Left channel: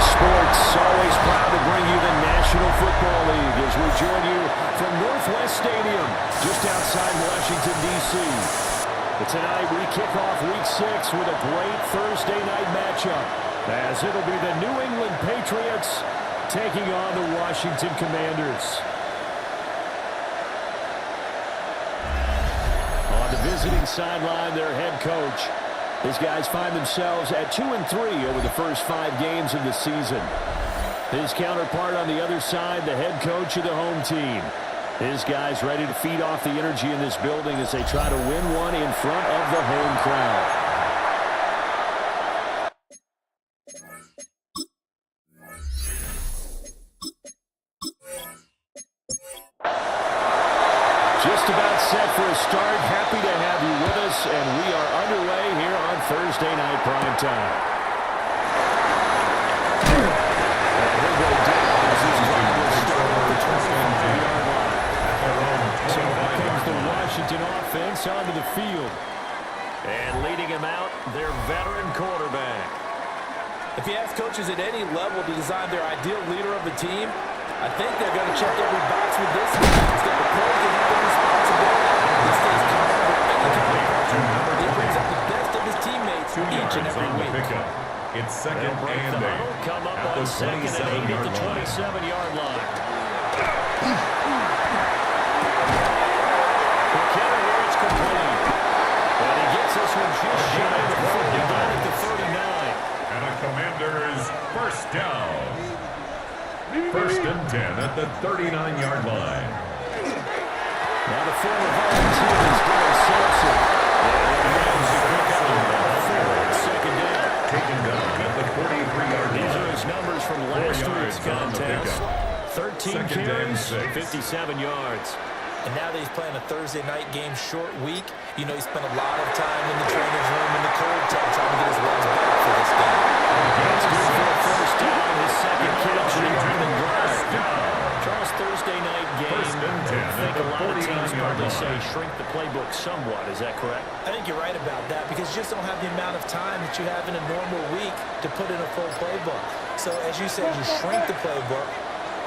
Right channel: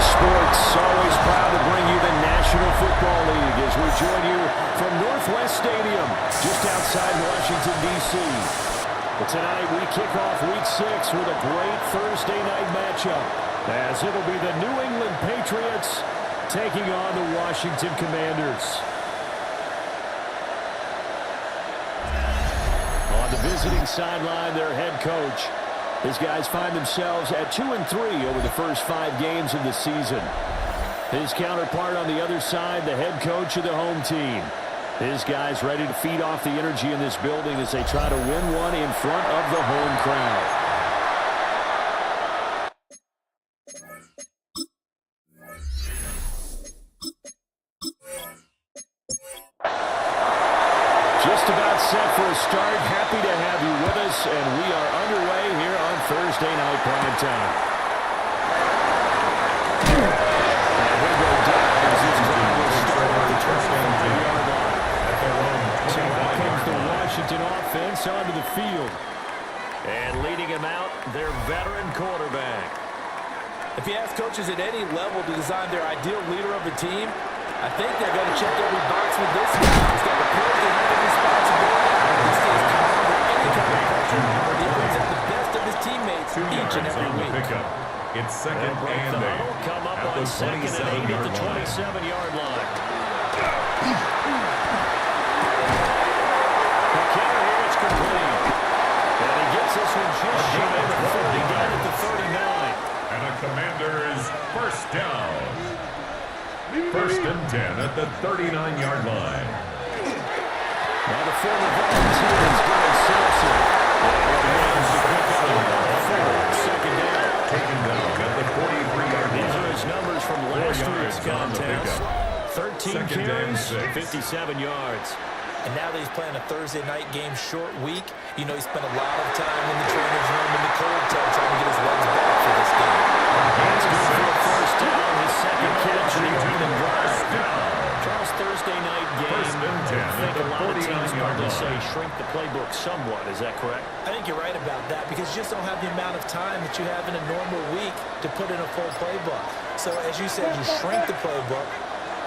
Sports, always proud to bring you the National Football League as we join you from Northwest Stadium, just outside Washington, D.C. But tonight we kick off Week 6 with a great Thursday night matchup, as it'll be the New England Patriots taking on the Washington Commanders. On the visiting sideline, their head coach. His guys find themselves at 2-3 over the first 5 games of the season. His counterpart on the other side, the head coach of the home team. His guys ready to feed off the energy in this building as they try to win one in front of the home crowd. Just about set for a start. Happy to have you with us, and we are underway here on Thursday Night Primetime. And he'll go down as his drive will start at the 25-yard line. So out comes the Washington offense onto the field. And leading him out, their veteran quarterback. If you ask coaches at any level to design their ideal leader of the team, I think they're going to check every box with this guy. He's got the pros to handle responsibility. He stays calm under any kind of pressure. He brings out the best of his teammates each and every week. It's second and 8. Come up on second and 8 at the 27-yard line. The kicker here is complete. And he gets this one just shy of the 40, down at the 39. And a Commander's first down. First and 10 at the 39-yard line. Now the former volunteer is Dylan Sampson. Second down. Taken down at the 43-yard line. These are his numbers from last week's contest. 13 carries, 57 yards. And now that he's playing a Thursday night game, short week, you know he spent a lot of time in the trainer's room in the cold tub trying to get his legs back for this game. That's good for a first down, his second catch in the opening drive. Charles, Thursday night game, I think a lot of teams probably say shrink the playbook somewhat. Is that correct? I think you're right about that because you just don't have the amount of time that you have in a normal week to put in a full playbook. So as you said, you shrink the playbook.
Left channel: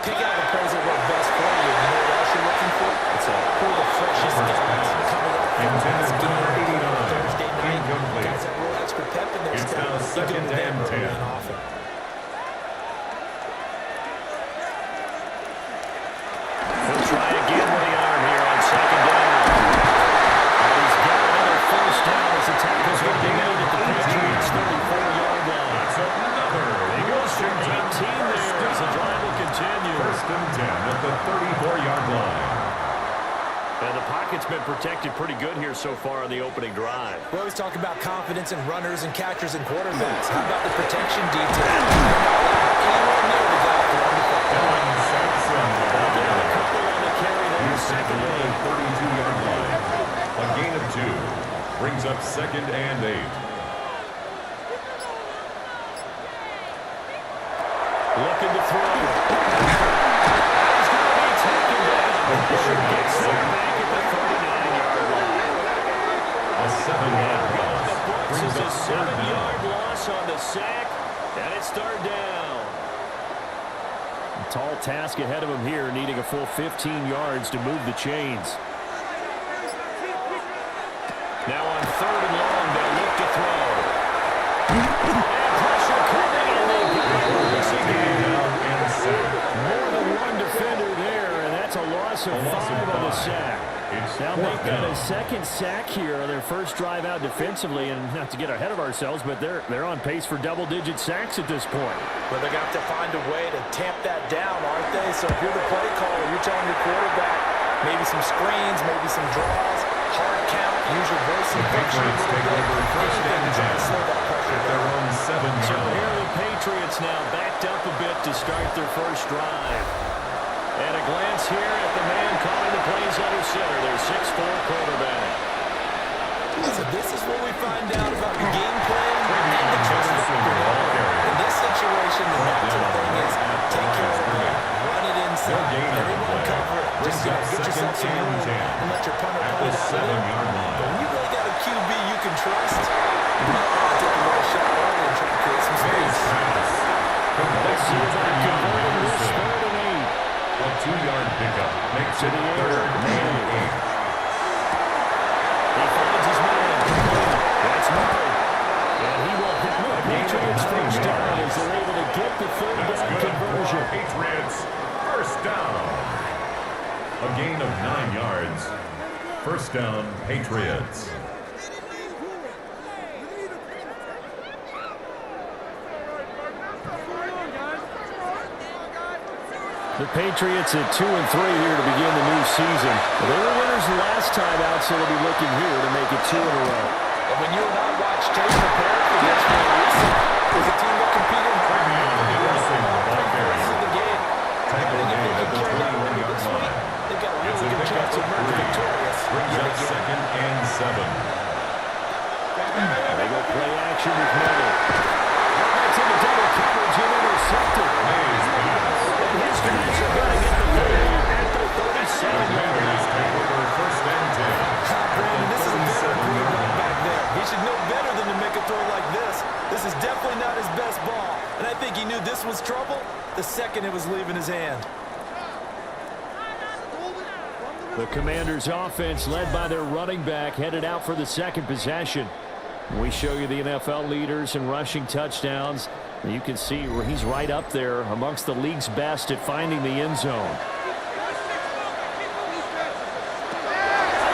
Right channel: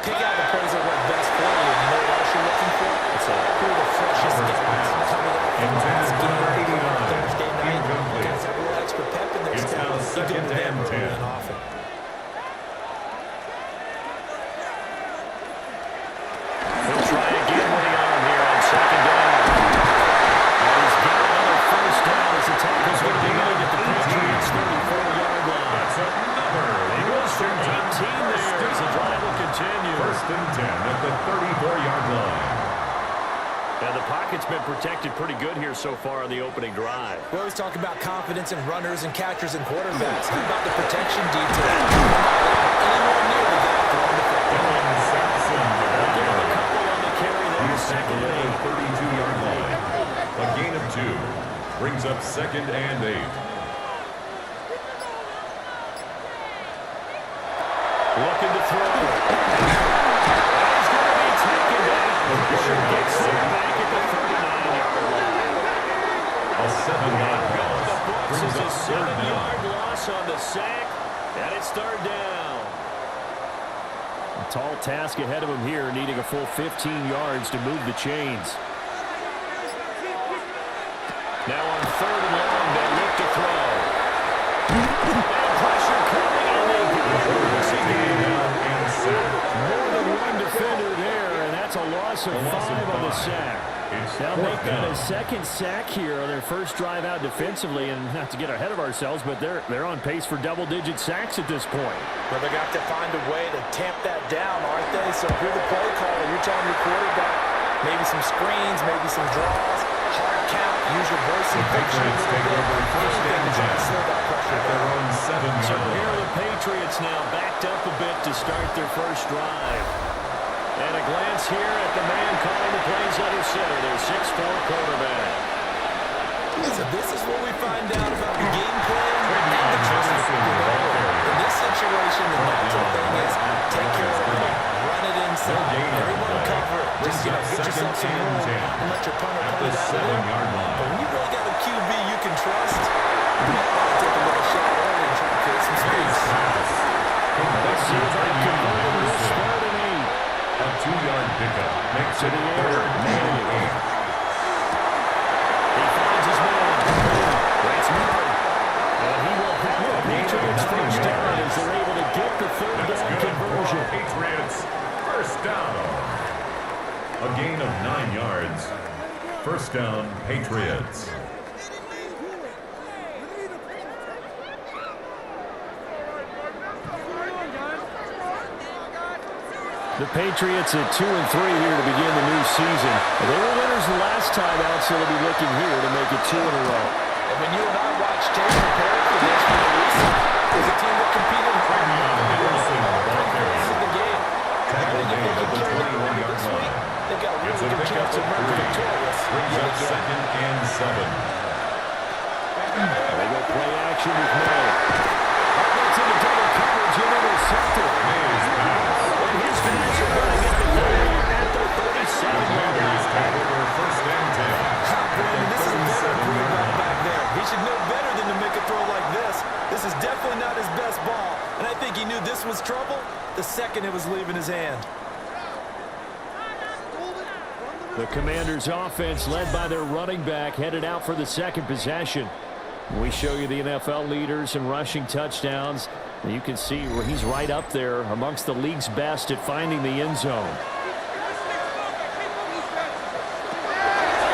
Pick out the plays that work best for you. You know what else you're looking for? It's who are the freshest guys coming off from last game on Thursday night. Guys have a little extra pep in their step. You go to them early and often. He'll try again with the arm here on second down. And he's got another first down as the tackle's going to be made at the Patriots' 34-yard line. That's another. He goes for 18 there as the drive will continue. First and 10 at the 34-yard line. And the pocket's been protected pretty good here so far on the opening drive. We always talk about confidence in runners and catchers and quarterbacks. How about the protection detail? Anyone near the guy throwing the football. Dylan Sampson. Give him a couple on the carry there. Second and 8. 32-yard line. A gain of 2. Brings up second and 8. Looking to throw. He's going to be taken down. Fisher gets there back at the 39-yard line. A 7-yard loss. The books Brings is a up 7-yard loss on the sack, and it's third down. A tall task ahead of him here, needing a full 15 yards to move the chains. Now on third and long, they'll look to throw. And pressure coming, and they got it. More than one defender there, and that's a loss of 5 on the sack. They'll make that a second sack here on their first drive out defensively, and not to get ahead of ourselves, but they're on pace for double-digit sacks at this point. Well, they're going to have to find a way to tamp that down, aren't they? So if you're the play caller, you're telling your quarterback maybe some screens, maybe some draws, hard count, use your voice and Patriots take over first and 10 at their own 7-yard line. So here are the Patriots now backed up a bit to start their first drive. And a glance here at the man calling the plays under center, their 6'4" quarterback. So this is where we find out about the game plan and the trust factor. In this situation, the natural thing is take care of the ball, run it inside, everyone cover it. Just get yourself some room and let your punter punt it out of there. But when you really got a QB you can trust, you might want to take a little shot early and try to create some space. Let's see if I can convert this 3rd and 8. A 2-yard pickup makes it 3rd and 8. He finds his man. That's Murray. And he will have the Patriots first down as they're able to get the 3rd down conversion. Patriots first down. A gain of 9 yards. First down, Patriots. The Patriots at 2-3 here to begin the new season. They were winners the last time out, so they'll be looking here to make it 2 in a row. And when you and I watch tape prepare for this for a reset, is a team that competed hard. This is the game. I think if they can carry that over this week, they've got a really good chance to emerge victorious. Brings up 2nd and 7. They go play action with May. That's into double coverage and intercepted. May's pass. And his guys are going to get the lead at the 37-yard line. Take over 1st and 10. Brandon, this is a better quarterback back there. He should know better than to make a throw like this. This is definitely not his best ball. And I think he knew this was trouble the second it was leaving his hand. The Commanders' offense, led by their running back, headed out for the 2nd possession. We show you the NFL leaders in rushing touchdowns. You can see where he's right up there amongst the league's best at finding the end zone.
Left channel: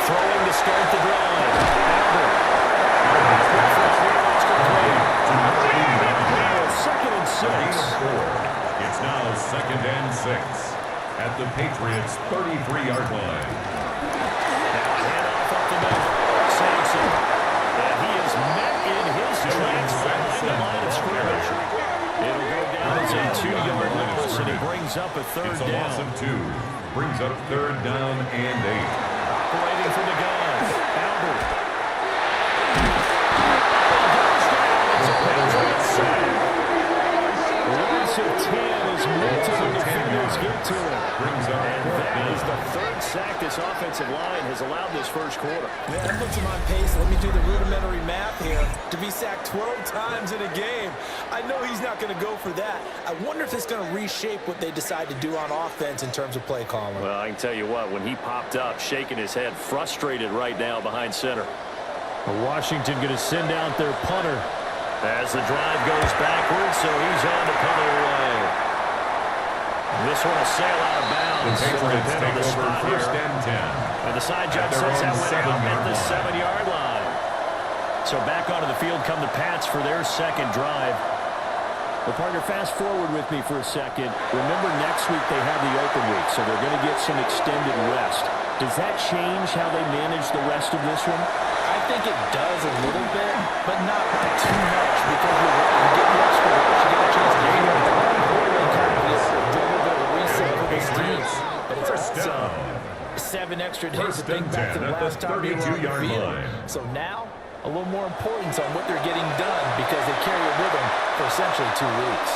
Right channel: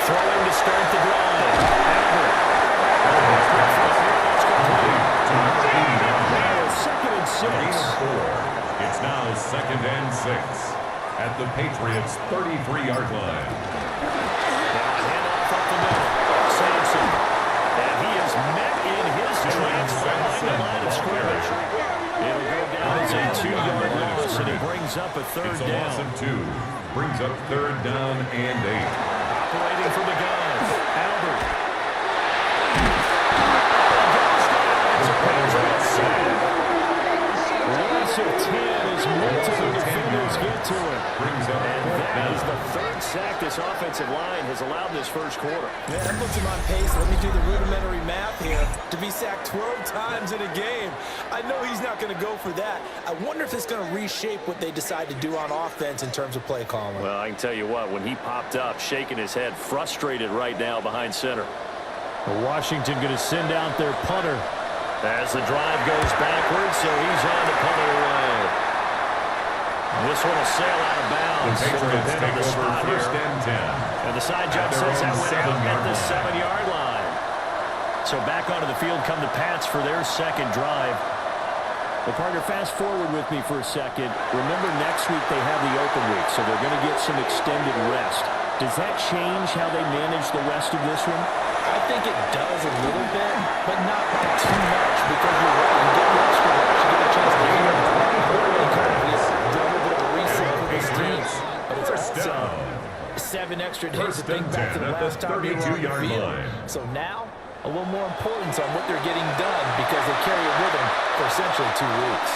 Throwing to start the drive. Albert. Now 2nd and 6. It's now 2nd and 6 at the Patriots' 33-yard line. Now a handoff up the middle. Sampson. And he is met in his tracks behind the line of scrimmage. It'll go down as a 2-yard loss, and he brings up a 3rd it's a down. Loss of 2. Brings up 3rd down and 8. Operating from the gun. Albert. It's a Patriots sack. Loss of 10 as multiple defenders get to him. Brings up And 4th that is down. the 3rd sack this offensive line has allowed this first quarter. Yeah, that puts him on pace. Let me do the rudimentary math here. To be sacked 12 times in a game. I know he's not going to go for that. I wonder if it's going to reshape what they decide to do on offense in terms of play calling. Well, I can tell you what, when he popped up, shaking his head, frustrated right now behind center. Washington going to send out their punter as the drive goes backwards, so he's on to punt it away. This one will sail out of bounds. The Patriots It'll take on the over spot 1st here. and 10. And the side jump At their sets that own one out at the 7-yard 7-yard line. So back onto the field come the Pats for their 2nd drive. Well, partner, fast forward with me for a second. Remember, next week they have the open week, so they're going to get some extended rest. Does that change how they manage the rest of this one? I think it does a little bit, but not by too much, because you're right. You get the extra rush, you get a chance to heal. You kind of do a little bit of a reset for this team. But it's also 7 extra days to think back to the last time you were on the field. So now, a little more importance on what they're getting done because they carry it with them for essentially 2 weeks.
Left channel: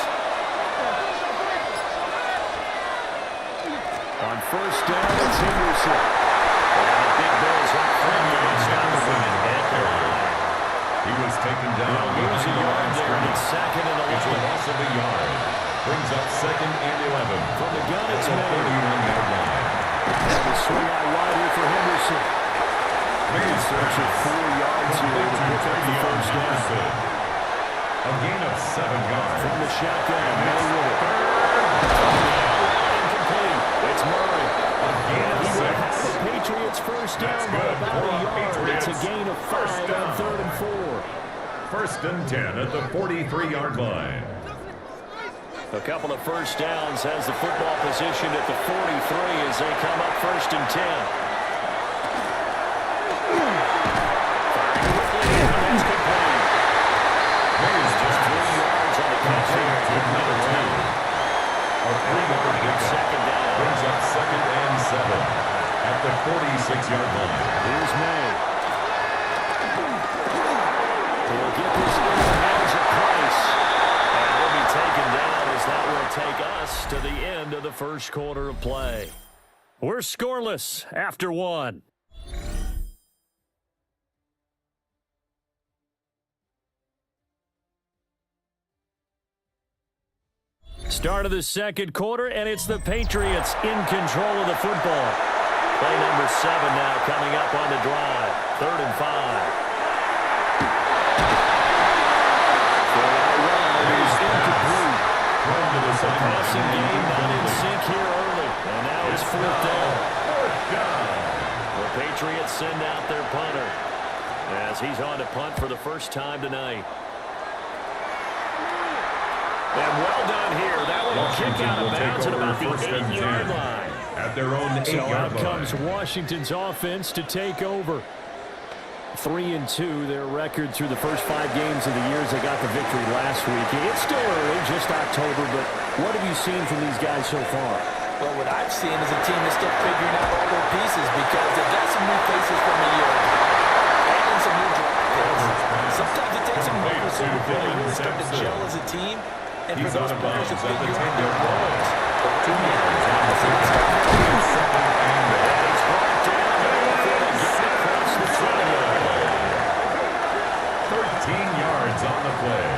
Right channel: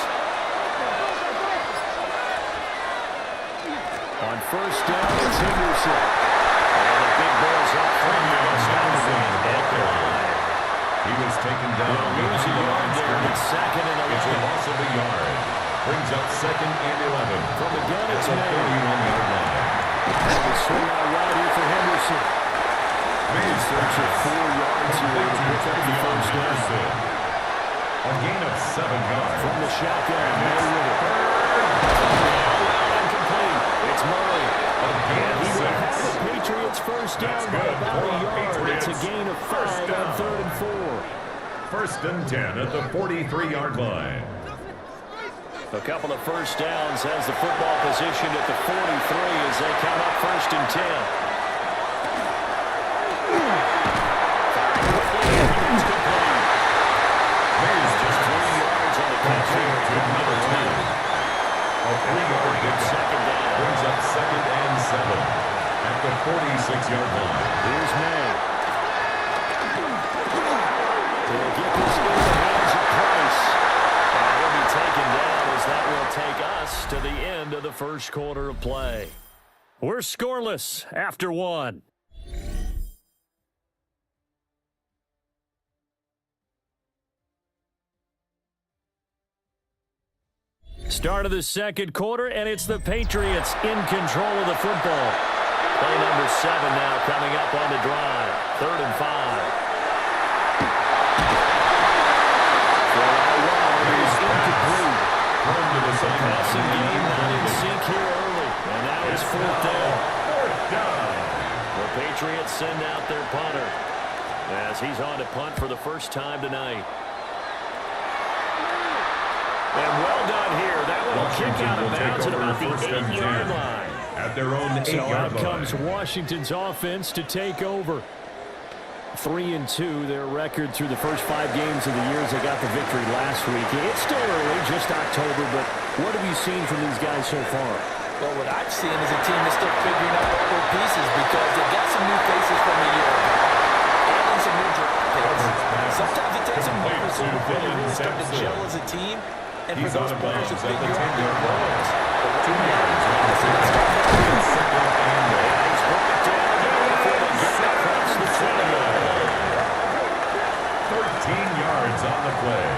On first down, it's Henderson. And the big boys up front for the stop the win at the line. He was taken down. Lose a yard there, and it's 2nd and 11. It's a loss of a yard. Brings up 2nd and 11. From the gun, it's a May. 31-yard line. And the swing out wide here for Henderson. He's searching 4 yards here to pick up the first down. A gain of 7 yards. From the shotgun, May with it. Incomplete. It's Murray. A gain of 6. He will have the Patriots first down by about a yard. It's a gain of 5 on 3rd and 4. 1st and 10 at the 43-yard line. A couple of first downs has the football positioned at the 43 as they come up 1st and 10. Firing quickly, and that's complete. May's just 3 yards on the catch here. To number 2. A 3-yard second down. Brings up 2nd and 7 at the 46-yard line. Here's May. He'll get this in the hands of Price. And he'll be taken down as that will take us to the end of the first quarter of play. We're scoreless after one. Start of the second quarter, and it's the Patriots in control of the football. Play number 7 now coming up on the drive. 3rd and 5. Throw out wide is incomplete. Thrown to the sideline. Passing game not in sync here early, and now it's 4th down. 4th down. The Patriots send out their punter as he's on to punt for the first time tonight. And well done here. That one will kick out of bounds at about the 8-yard line. At their own 8-yard So out line. comes Washington's offense to take over. 3-2, their record through the first 5 games of the year as they got the victory last week. It's still early, just October, but what have you seen from these guys so far? Well, what I've seen is a team that's still figuring out all their pieces because they've got some new faces from a year ago. Adding some new draft picks. Sometimes it takes a month or so before they really start to gel as a team. And for those players to figure out their roles. But right now, I think it's starting to be second and he's brought down before they get across the 20. 13 yards on the play.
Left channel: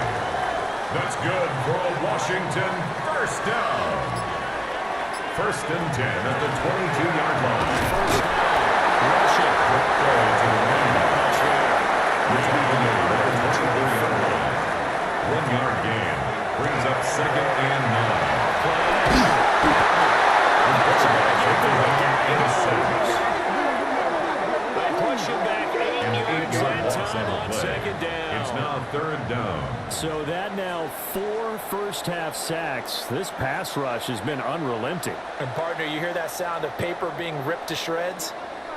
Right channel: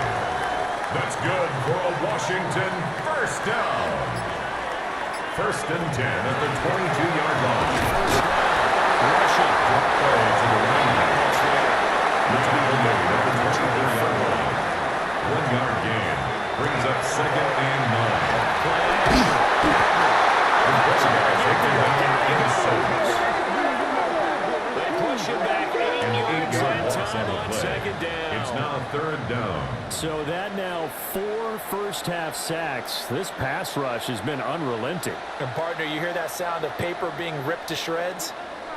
That's good for a Washington first down. 1st and 10 at the 22-yard line. First down. Rushing. Quick play to the running back. It's being made at the 24-yard line. 1-yard gain. Brings up 2nd and 9. Play action. They push him back 8 yards that time on 2nd down. It's now 3rd down. So that now 4 first-half sacks. This pass rush has been unrelenting. And partner, you hear that sound of paper being ripped to shreds?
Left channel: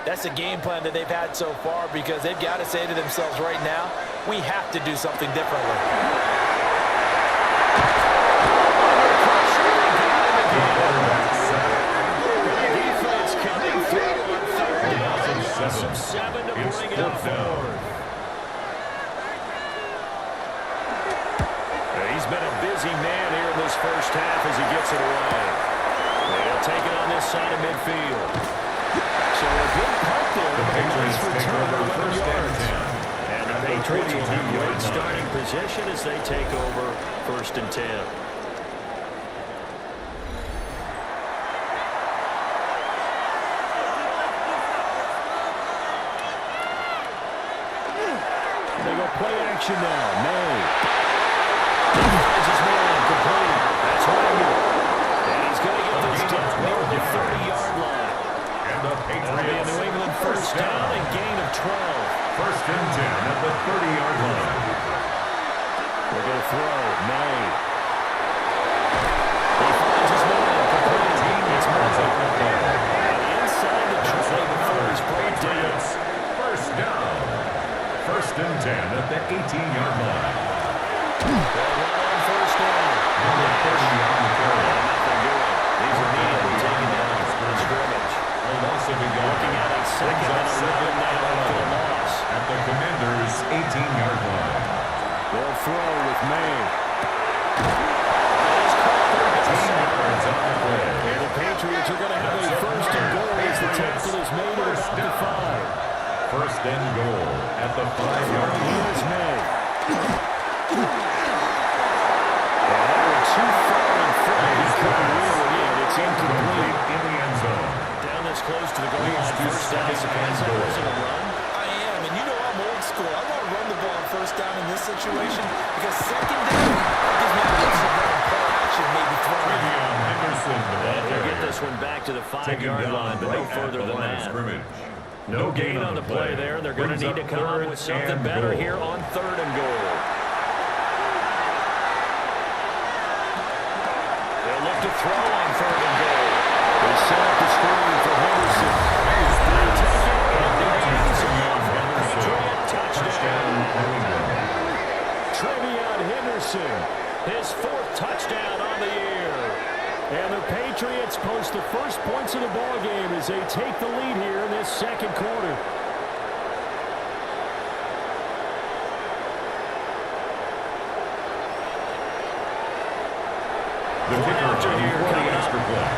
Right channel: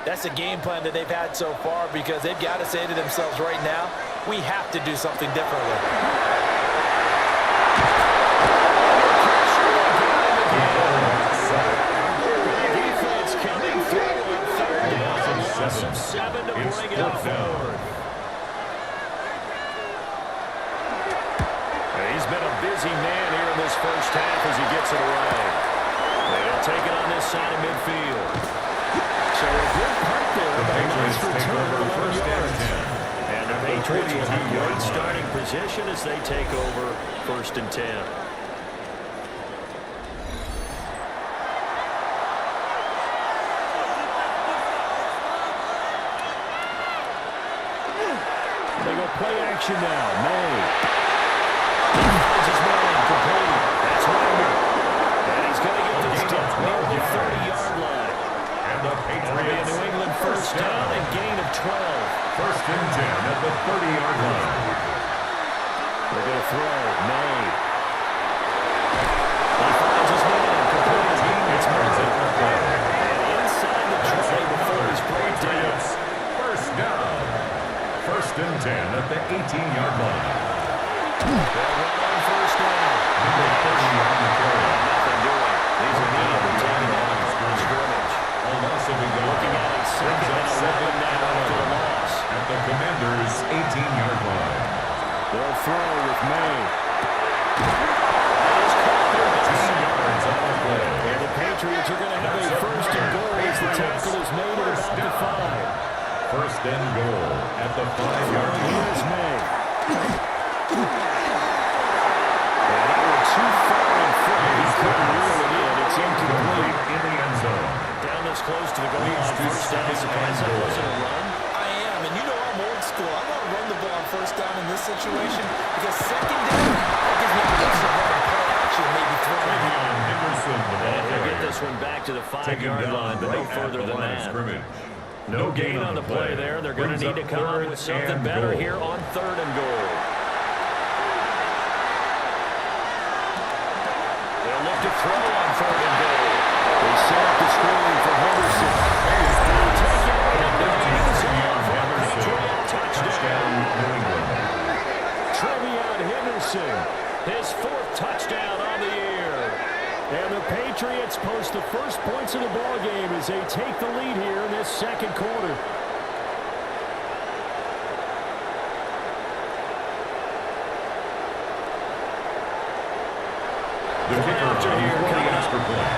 That's a game plan that they've had so far because they've got to say to themselves right now, we have to do something differently. Defense coming through on 3rd down. Loss of 7 to bring it up 4th. He's been a busy man here in this first half as he gets it away. And he'll take it on this side of midfield. So a good punt there, but a nice return of 11 yards. And the Patriots will have great starting position as they take over 1st and 10. They go play action now. May. He finds his man complete. That's Wagner. And he's going to get this down near the 30-yard line. And the That'll be a Patriots New England first down and gain of 12. 1st and 10 at the 30-yard line. They're going to throw. May. He finds his man complete. It's Murray. And inside the 20 before he's brought down. First down. 1st and 10 at the 18-yard line. They'll run on first down. Number 30 on the carry. Nothing doing. He's immediately taken down from the scrimmage. A loss of a yard. Looking at a 2nd and 11 now after the loss. At the Commanders' 18-yard line. They'll throw with May. 13 yards on the play. And the Patriots are going to have a 1st and goal as the tackle is made at about the 5. 1st and goal at the 5-yard line. Here's May. And that one too far in front. He couldn't reel it in. It's incomplete. In the end zone. Down this close to the goal line. First down. Surprised that wasn't a run. I am, and you know I'm old school. I want to run the ball on first down in this situation because 2nd down, that gives me a chance to run and play action, maybe throw it. Henderson, the ball And they'll get carrier. this one back to the 5-yard line, but no further than that. No gain on the play there. They're going to need to come up with something better here on 3rd and goal. They'll look to throw on 3rd and goal. They set up the screen for Henderson. They'll take it in the end zone for a Patriot touchdown. Trevion Henderson, his 4th touchdown on the year. And the Patriots post the first points of the ball game as they take the lead here in this second quarter. The kicker on for the extra point.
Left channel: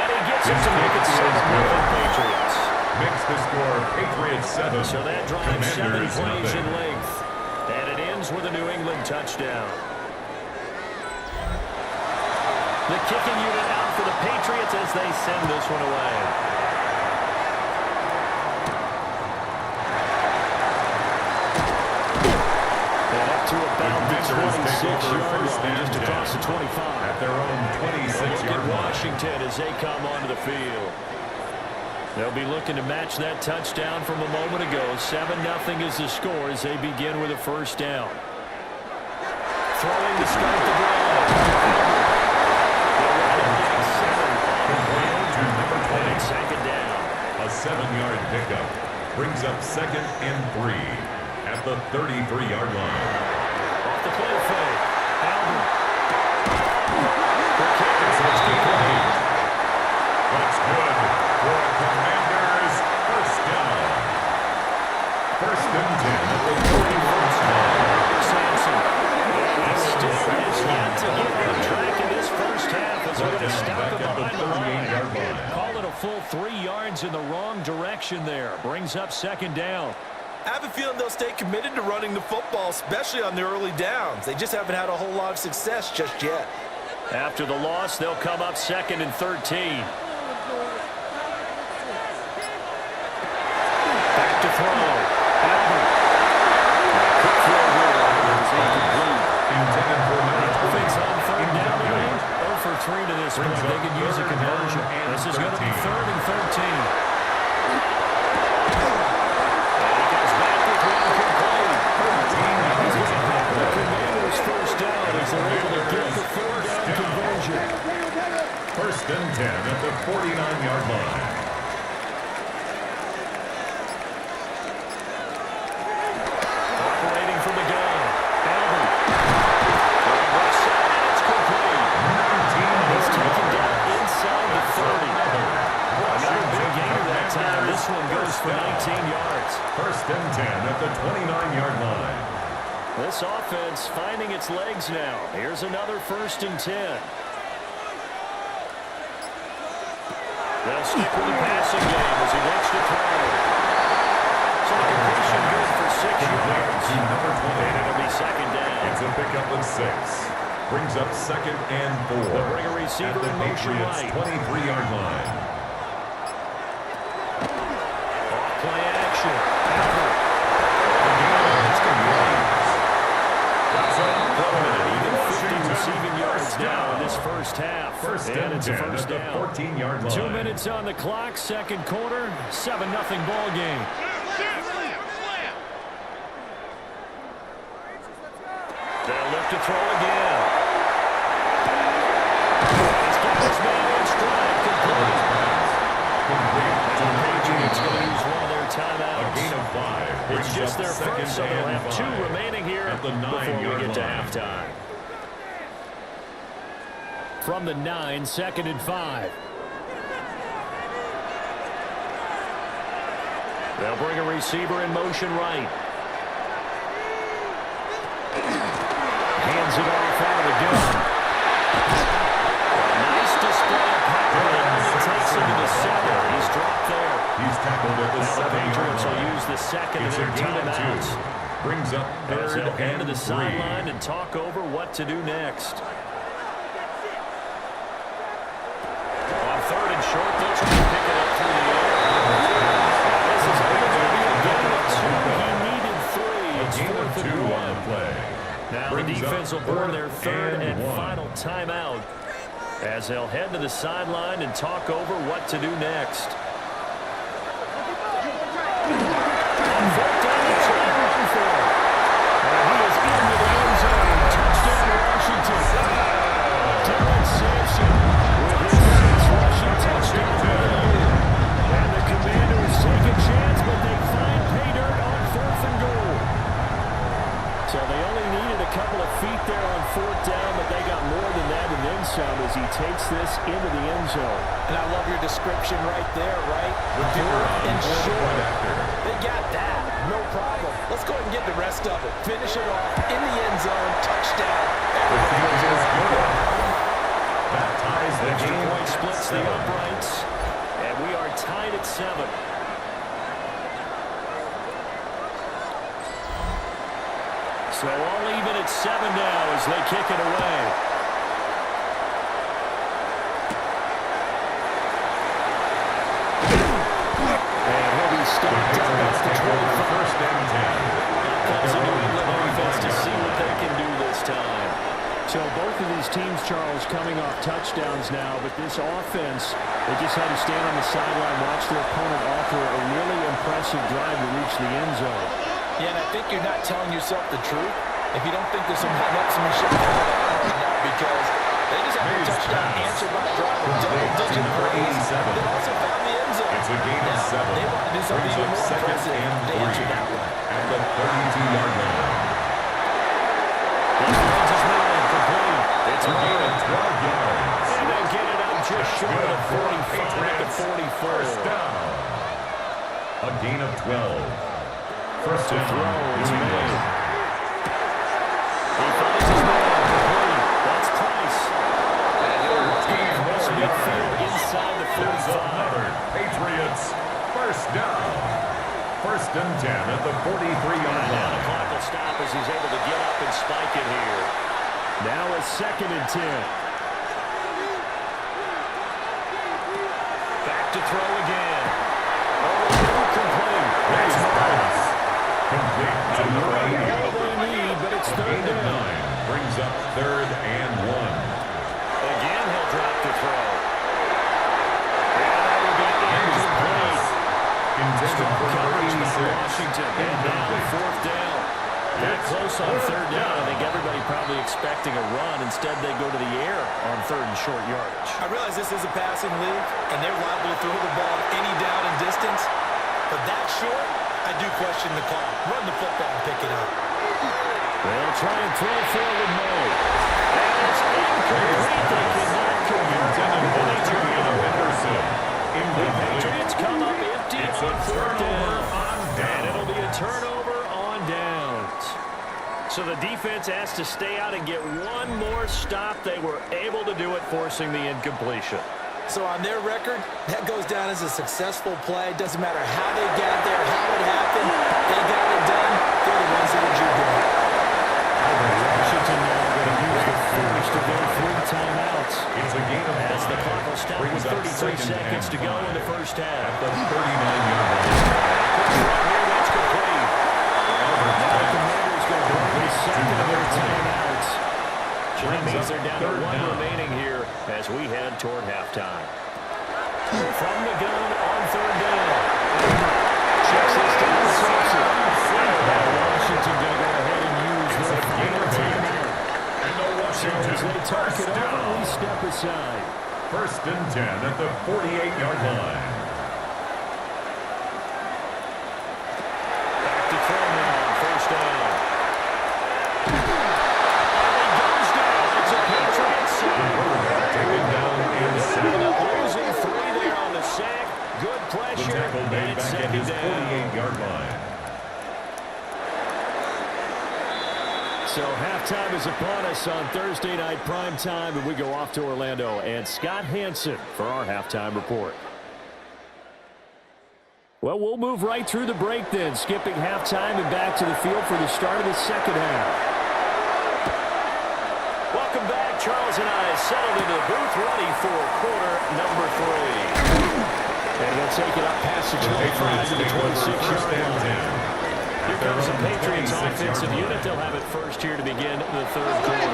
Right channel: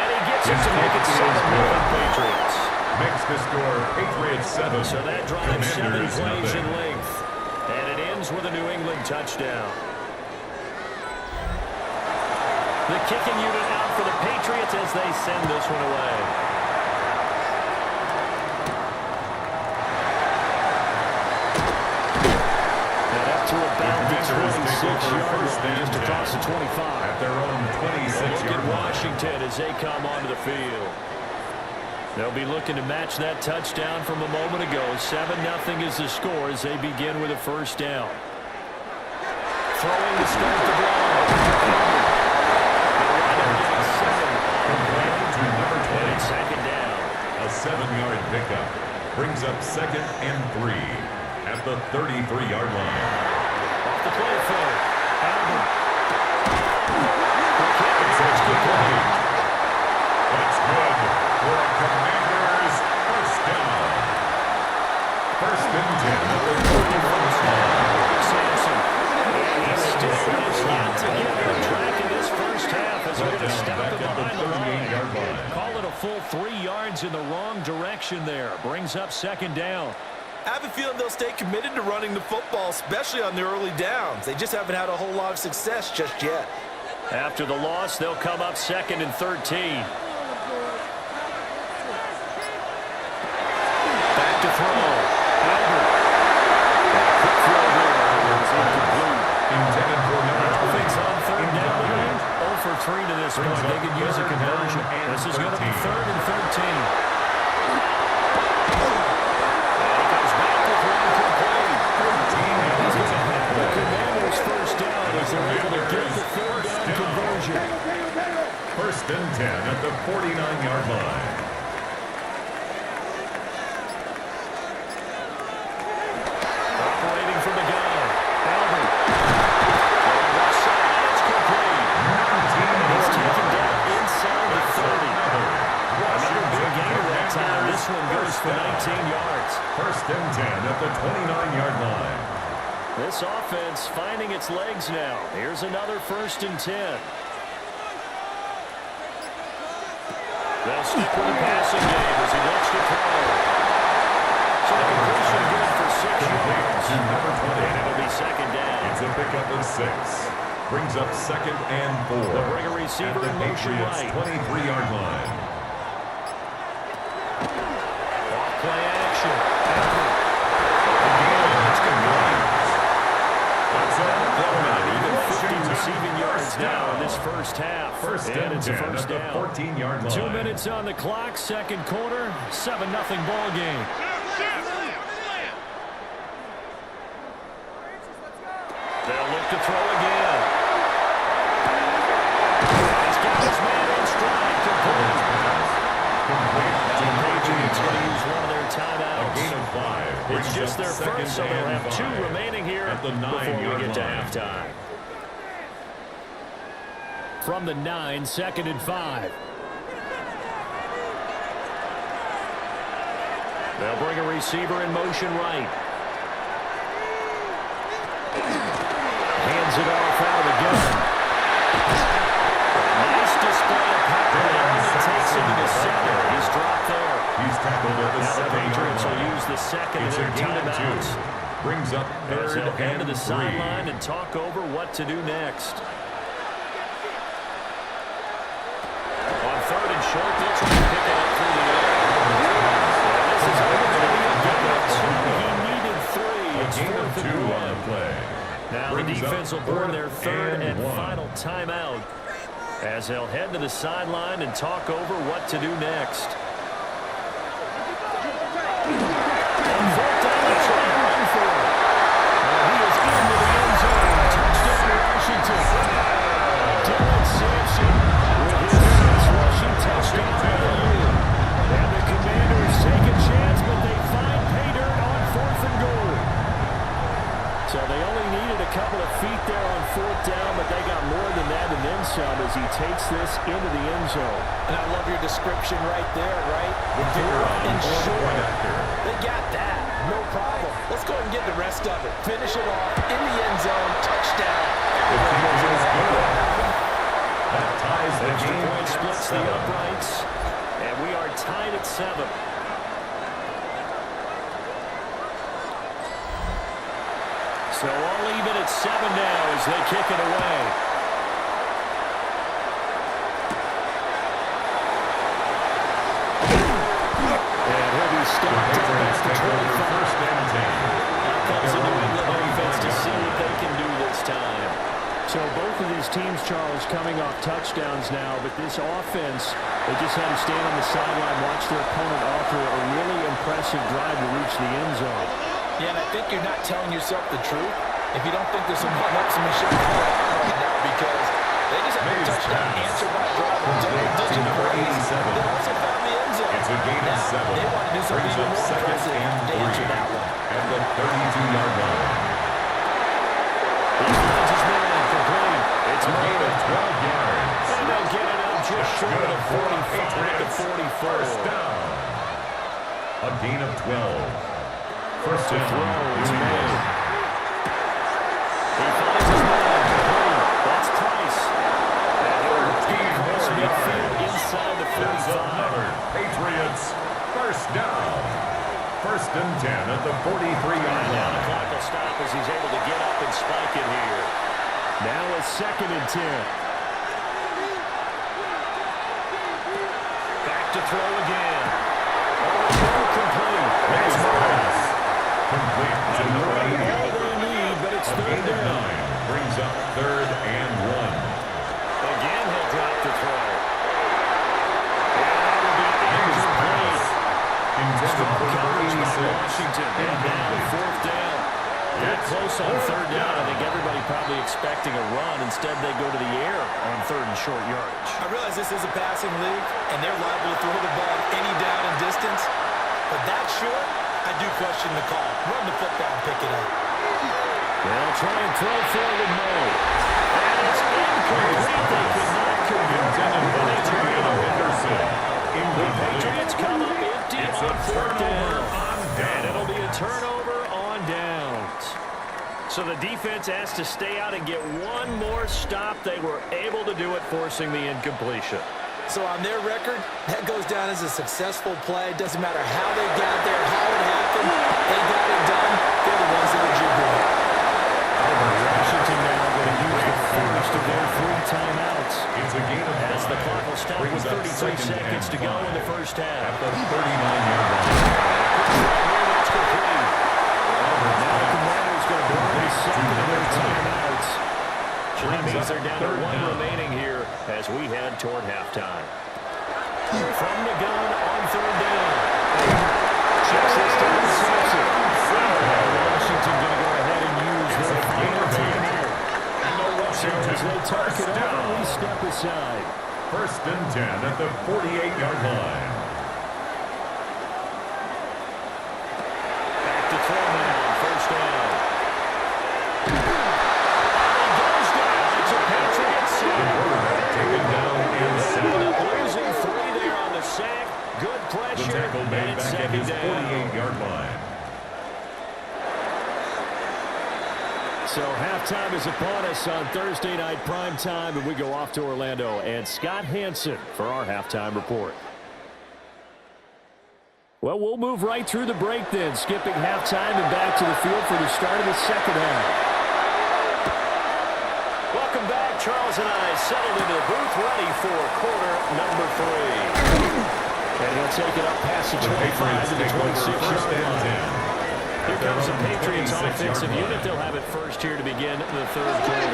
And he gets it to make it 7-0 Patriots. Makes the score Patriots 7. So that drives 7 Commanders plays in nothing. length. And it ends with a New England touchdown. The kicking unit out for the Patriots as they send this one away. And up to about the 26-yard line, just across the 25. At their own 26-yard line. Washington as they come onto the field. They'll be looking to match that touchdown from a moment ago. 7-0 is the score as they begin with a first down. Throwing to start the drive. They'll wind up getting 7 on the play. To number 20. And it's second down. A 7-yard pickup brings up 2nd and 3 at the 33-yard line. Off the play fake. Albert. It's complete. That's good for a Commanders first down. 1st and 10 at the 41st line. Sampson. He still has yet to get on track in this first half as we're going to stop him behind the line. Call it a full 3 yards in the wrong direction there. Brings up second down. I have a feeling they'll stay committed to running the football, especially on the early downs. They just haven't had a whole lot of success just yet. After the loss, they'll come up 2nd and 13. Back to throw. Albert. Quick throw there. It's incomplete. Intended for number 20. Offense on third down tonight. 0 for 3 to this point. They could use a conversion. This is going to be 3rd and 13. And he comes back with one complete. 13 yards He's on the the play. Commanders first down as they're able to get the 4th down conversion. 1st and 10 at the 49-yard line. Operating from the gun. Albert. Going right side, and it's complete. He's taken down inside the 30. Another big gainer that time. This one goes for 19 yards. 1st and 10 at the 29-yard line. This offense finding its legs now. Here's another 1st and 10. They'll stick with the passing game as he looks to throw. So the completion good for 6 yards. To number 20. And it'll be second down. It's a pickup of 6. Brings up 2nd and 4. They'll bring a receiver at the in motion Patriots' right. 23-yard line. Off play action. Albert. It's complete. That's And even 50 Washington receiving yards first now in down. this first half. First and and it's a 10 first at the down. 14-yard line. 2 minutes on the clock, second quarter, 7-0 ball game. They'll look to throw again. And he's got his man in stride. Complete. Complete. And the Patriots going to use one of their timeouts. A gain of 5. Brings It's just up their 2nd first, so they'll and have 2 5 remaining here at the before we 9-yard get to line. halftime. From the 9, 2nd and 5. They'll bring a receiver in motion right. Hands it off out of the gun. A nice display of power there, and he takes him to the center. He's dropped there. He's tackled at the Now the 7-yard Patriots will line. use the second of It's a their gain of timeouts. 2. Brings up As 3rd they'll head to and the 3. sideline and talk over what to do next. On 3rd and short, they'll try to pick it up through the air. This is only going to be a gain of 2. He needed 3. It's Gain 4th of 2 and 1. on the play. Now the Brings defense will up burn 4th their 3rd and 1. final timeout as they'll head to the sideline and talk over what to do next. On 4th down, they try and run for it. And he is into the end zone. Touchdown, Washington. Dylan Sampson with his 6th rushing touchdown of the year. And the Commanders take a chance, but they find pay dirt on 4th and goal. as he takes this into the end zone. And I love your description right there, right? The kicker on And board short. point after. They got that. No problem. Let's go ahead and get the rest of it. Finish it off in the end zone. Touchdown. The kick is good. That ties the Extra game point at splits 7. the uprights. And we are tied at 7. So all even at 7 now as they kick it away. And he'll be stopped up at the 25. First and 10. Now comes the New England offense to see what they can do this time. So both of these teams, Charles, coming off touchdowns now, but this offense, they just had to stand on the sideline, watch their opponent offer a really impressive drive to reach the end zone. Yeah, and I think you're not telling yourself the truth if you don't think there's some one-upsmanship going on right now, because they just had a touchdown answered by a drive of double-digit praise. They also found the end zone. It's a gain of 7. They want to do something even more impressive to answer that one. At the 32-yard line. He finds his man complete. It's A gain Murray. of 12 yards. And they'll get it up just short of 45 at the 44. First down. A gain of 12. First To down. throw is New England. made. He finds his man complete. That's Price. And he'll work it across midfield inside the That's 45. another Patriots first down. First and 10 at the 43-yard And now the line. clock will stop as he's able to get up and spike it here. Now a 2nd and 10. Back to throw again. Over to complete. That's Murray. Complete to the All right. they need, but it's A 3rd gain of down. 9 brings up 3rd and 1. Again, he'll drop to throw. And that will be incomplete. Intended Strong for number coverage by 86. Washington. And now Incomplete. 4th down. They're close on 3rd down. I think everybody probably expecting a run. Instead, they go to the air on 3rd and short yardage. I realize this is a passing league, and they're liable to throw the ball any down and distance. But that short, I do question the call. Run the football and pick it up. They'll try and throw forward mode. And it's incomplete. They cannot convert. And they turn it over. The Patriots come up empty It's on a 4th turnover down. on down. And it'll be a turnover on downs. So the defense has to stay out and get one more stop. They were able to do it, forcing the incompletion. So on their record, that goes down as a successful play. Doesn't matter how they got there, how it happened. They got it done. They're the ones that are jubilant. Washington now going to use the first of their 3 timeouts. It's a gain of 5. As the clock will stop with Brings up 33 2nd seconds and to go in the 5 first half. At the 39-yard line. Here, that's complete. Albert's Now the pass. Commanders going to burn the second of their timeouts. So that means they're down to 1 remaining here as we head toward halftime. From the gun on 3rd down. Checks this down, stops it. Now Washington going to go ahead and use their final timeout. And the So as Washington they talk first it over, we down. step aside. First and 10 at the 48-yard line. Back to throw now on 1st down. And he goes down. It's a Patriot sack. Quarterback taken down and Ended sacked. up losing 3 there on the sack. Good The pressure. tackle And made it's back at 2nd his down. 48-yard line. So halftime is upon us on Thursday night prime time, and we go off to Orlando. And Scott Hansen for our halftime report. Well, we'll move right through the break then, skipping halftime and back to the field for the start of the second half. Welcome back. Charles and I settled into the booth, ready for quarter number 3. And he'll take it up past the 25 to the 26-yard line. Here comes the Patriots offensive unit. They'll have it first here to begin the 3rd quarter.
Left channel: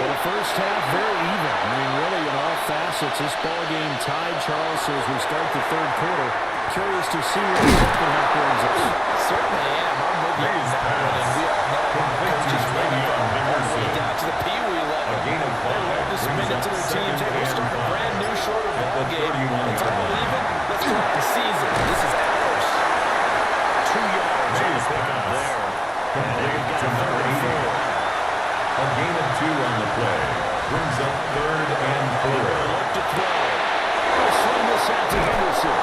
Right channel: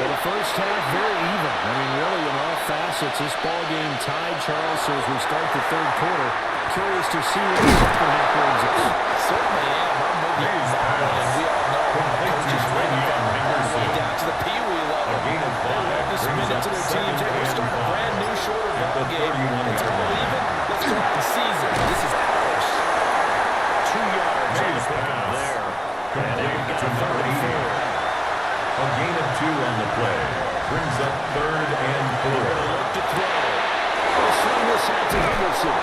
Well, the first half, very even. I mean, really, in all facets, this ball game tied, Charles. So as we start the 3rd quarter, curious to see what the second half brings us. Certainly am. I'm with you on that one, and we all know about coaches winning all the way down to the Pee-wee level. A gain of 5 They love to submit it to their teams. Hey, we're starting a brand new, shorter ball game. It's all even. Let's go out and seize it. This is ours. 2 yards on the pickup there. And then we've got a 3rd and 4. A gain of 2 on the play. Brings up 3rd and 4. They're going to look to throw. They'll swing this out to Henderson.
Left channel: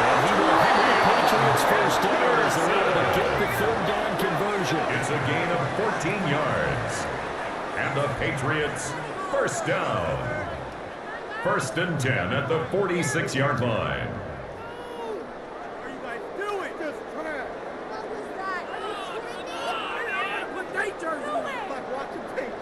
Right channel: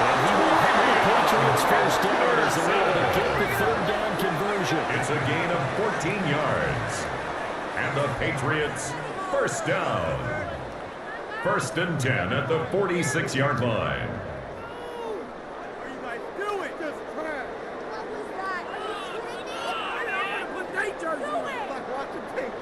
And he will have the Patriots first down as they're able to get the 3rd down conversion. It's a gain of 14 yards. And the Patriots first down. 1st and 10 at the 46-yard line. What are you guys doing? Just trash. What was that? Are you kidding me? Put day jersey on. It's like watching tape.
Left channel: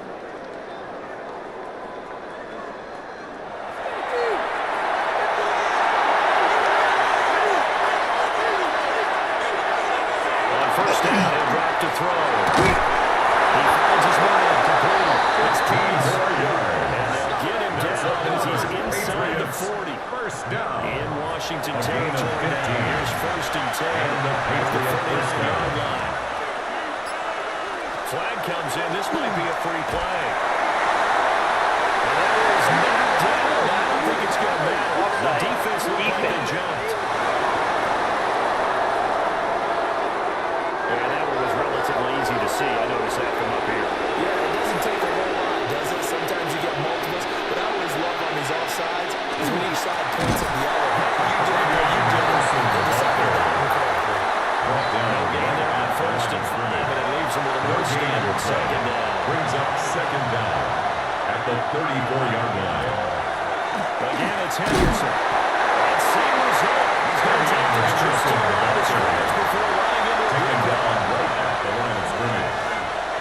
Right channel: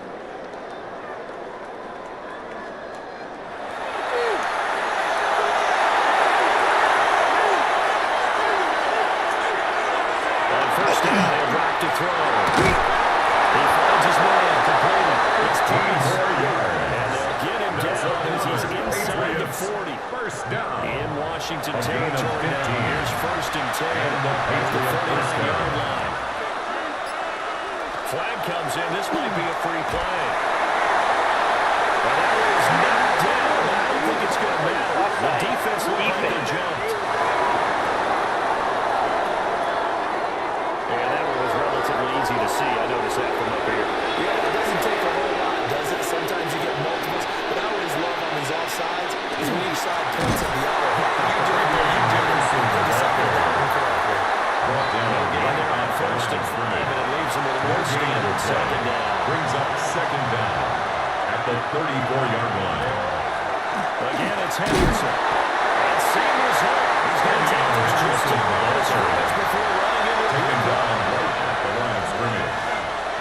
On first down, he'll drop to throw. He finds his man complete. It's 4 yards. And they'll get him down as he's inside the 40. First down. In Washington A gain of territory now. 15. Here's 1st and 10 And the at the Patriot first 39-yard down. line. Flag comes in. This might be a free play. And that is not down. I don't think it's going to matter. The defense looked like they jumped. And that one was relatively easy to see. I noticed that from up here. Yeah, it doesn't take a whole lot, does it? Sometimes you get multiples. But I always love on these offsides is when each side points at the other. Hey, you did it, you did it. They decided that incorrectly. Brought down No gain right there on at the 1st line and of 5, scrimmage. and it leaves them with a more standard 2nd down. Brings up 2nd down at the 34-yard line. Again, it's Henderson. And same result. He's going to take this just to the line of scrimmage before running into a Taken good down ball. right at the line of scrimmage.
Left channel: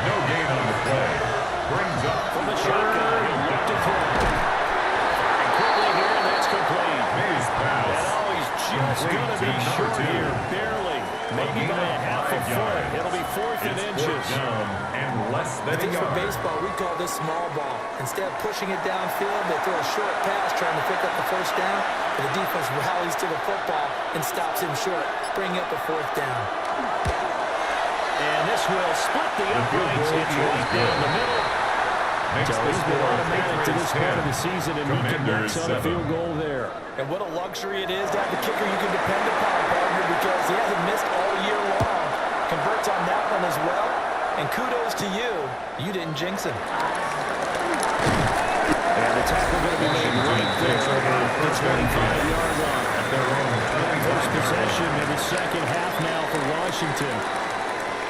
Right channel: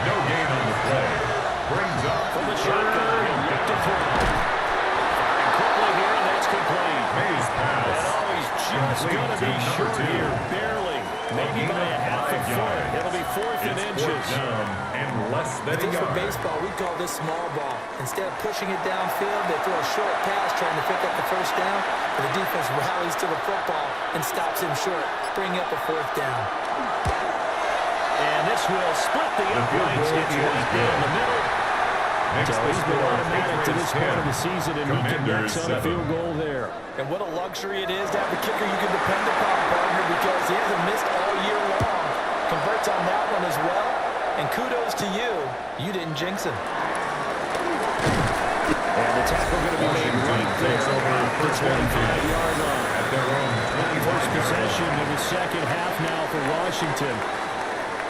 No gain on the play. Brings up From the shotgun, 3rd he'll look to down. throw. Firing quickly here, and that's complete. Mays pass. And oh, he's just Complete going to to be number short 2. here, barely. Maybe gain by of a half 5 a foot. yards. It'll be 4th and It's inches. 4th down and less I than a think for yard. baseball, we call this small ball. Instead of pushing it downfield, they throw a short pass trying to pick up the 1st down, but the defense rallies to the football and stops him short, bringing up a 4th down. And this will split the field uprights. goal It's is right good. down the middle. Makes So the he's been score automatic to this Patriots point of 10. the season, and he Commanders connects on the 7. field goal there. And what a luxury it is to have a kicker you can depend upon, partner, because he hasn't missed all year long. Converts on that one as well. And kudos to you. You didn't jinx him. And the tackle going to be made right there takes over at the 25-yard line. At their own First 25-yard possession line. in the second half now for Washington.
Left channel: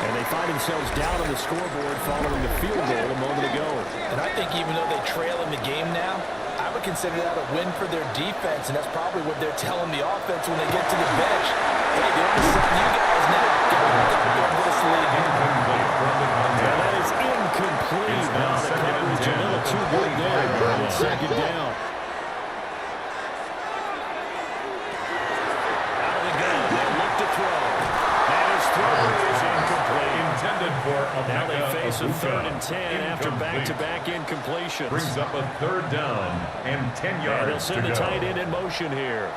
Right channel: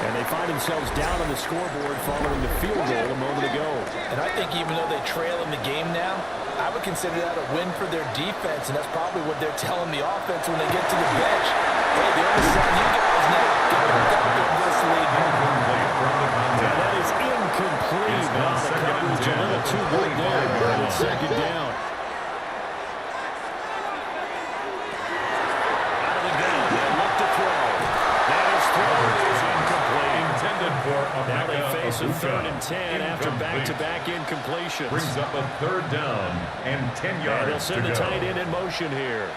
And they find themselves down on the scoreboard following the field goal a moment ago. And I think even though they trail in the game now, I would consider that a win for their defense, and that's probably what they're telling the offense when they get to the bench. Hey, the onus is on you guys now. Go out there and get us the lead. Incomplete from the Yeah, contact. that is incomplete. It's Now now the 2nd and coverage a 10 little at the too good there. 25-yard It's line. 2nd down. Out of the gun, they'll look to throw. And his throw is incomplete. Intended for a Now they face a 3rd and 10 after back-to-back incompletions. Brings up a 3rd down and 10 And yards he'll send to the go. tight end in motion here.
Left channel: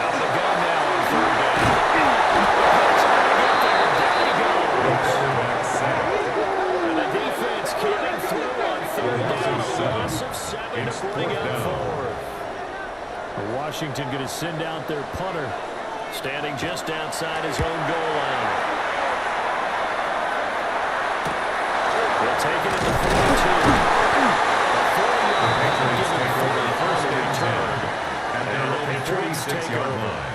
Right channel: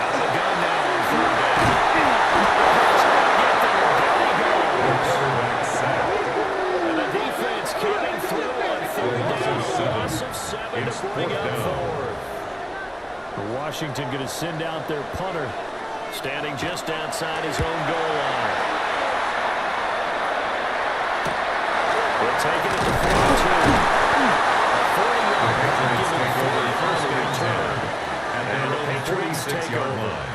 Out of the gun now on 3rd down. He's going to get there. Down he The goes. quarterback sacked. And the defense coming through on 3rd down. A loss of 7 It's to bring 4th up down. forward. Washington going to send out their punter, standing just outside his own goal line. They'll take it at the 42. A 40-yard The Patriots give him take over 40 first on the and return. 10 at And their the own Patriots take 46-yard over. line.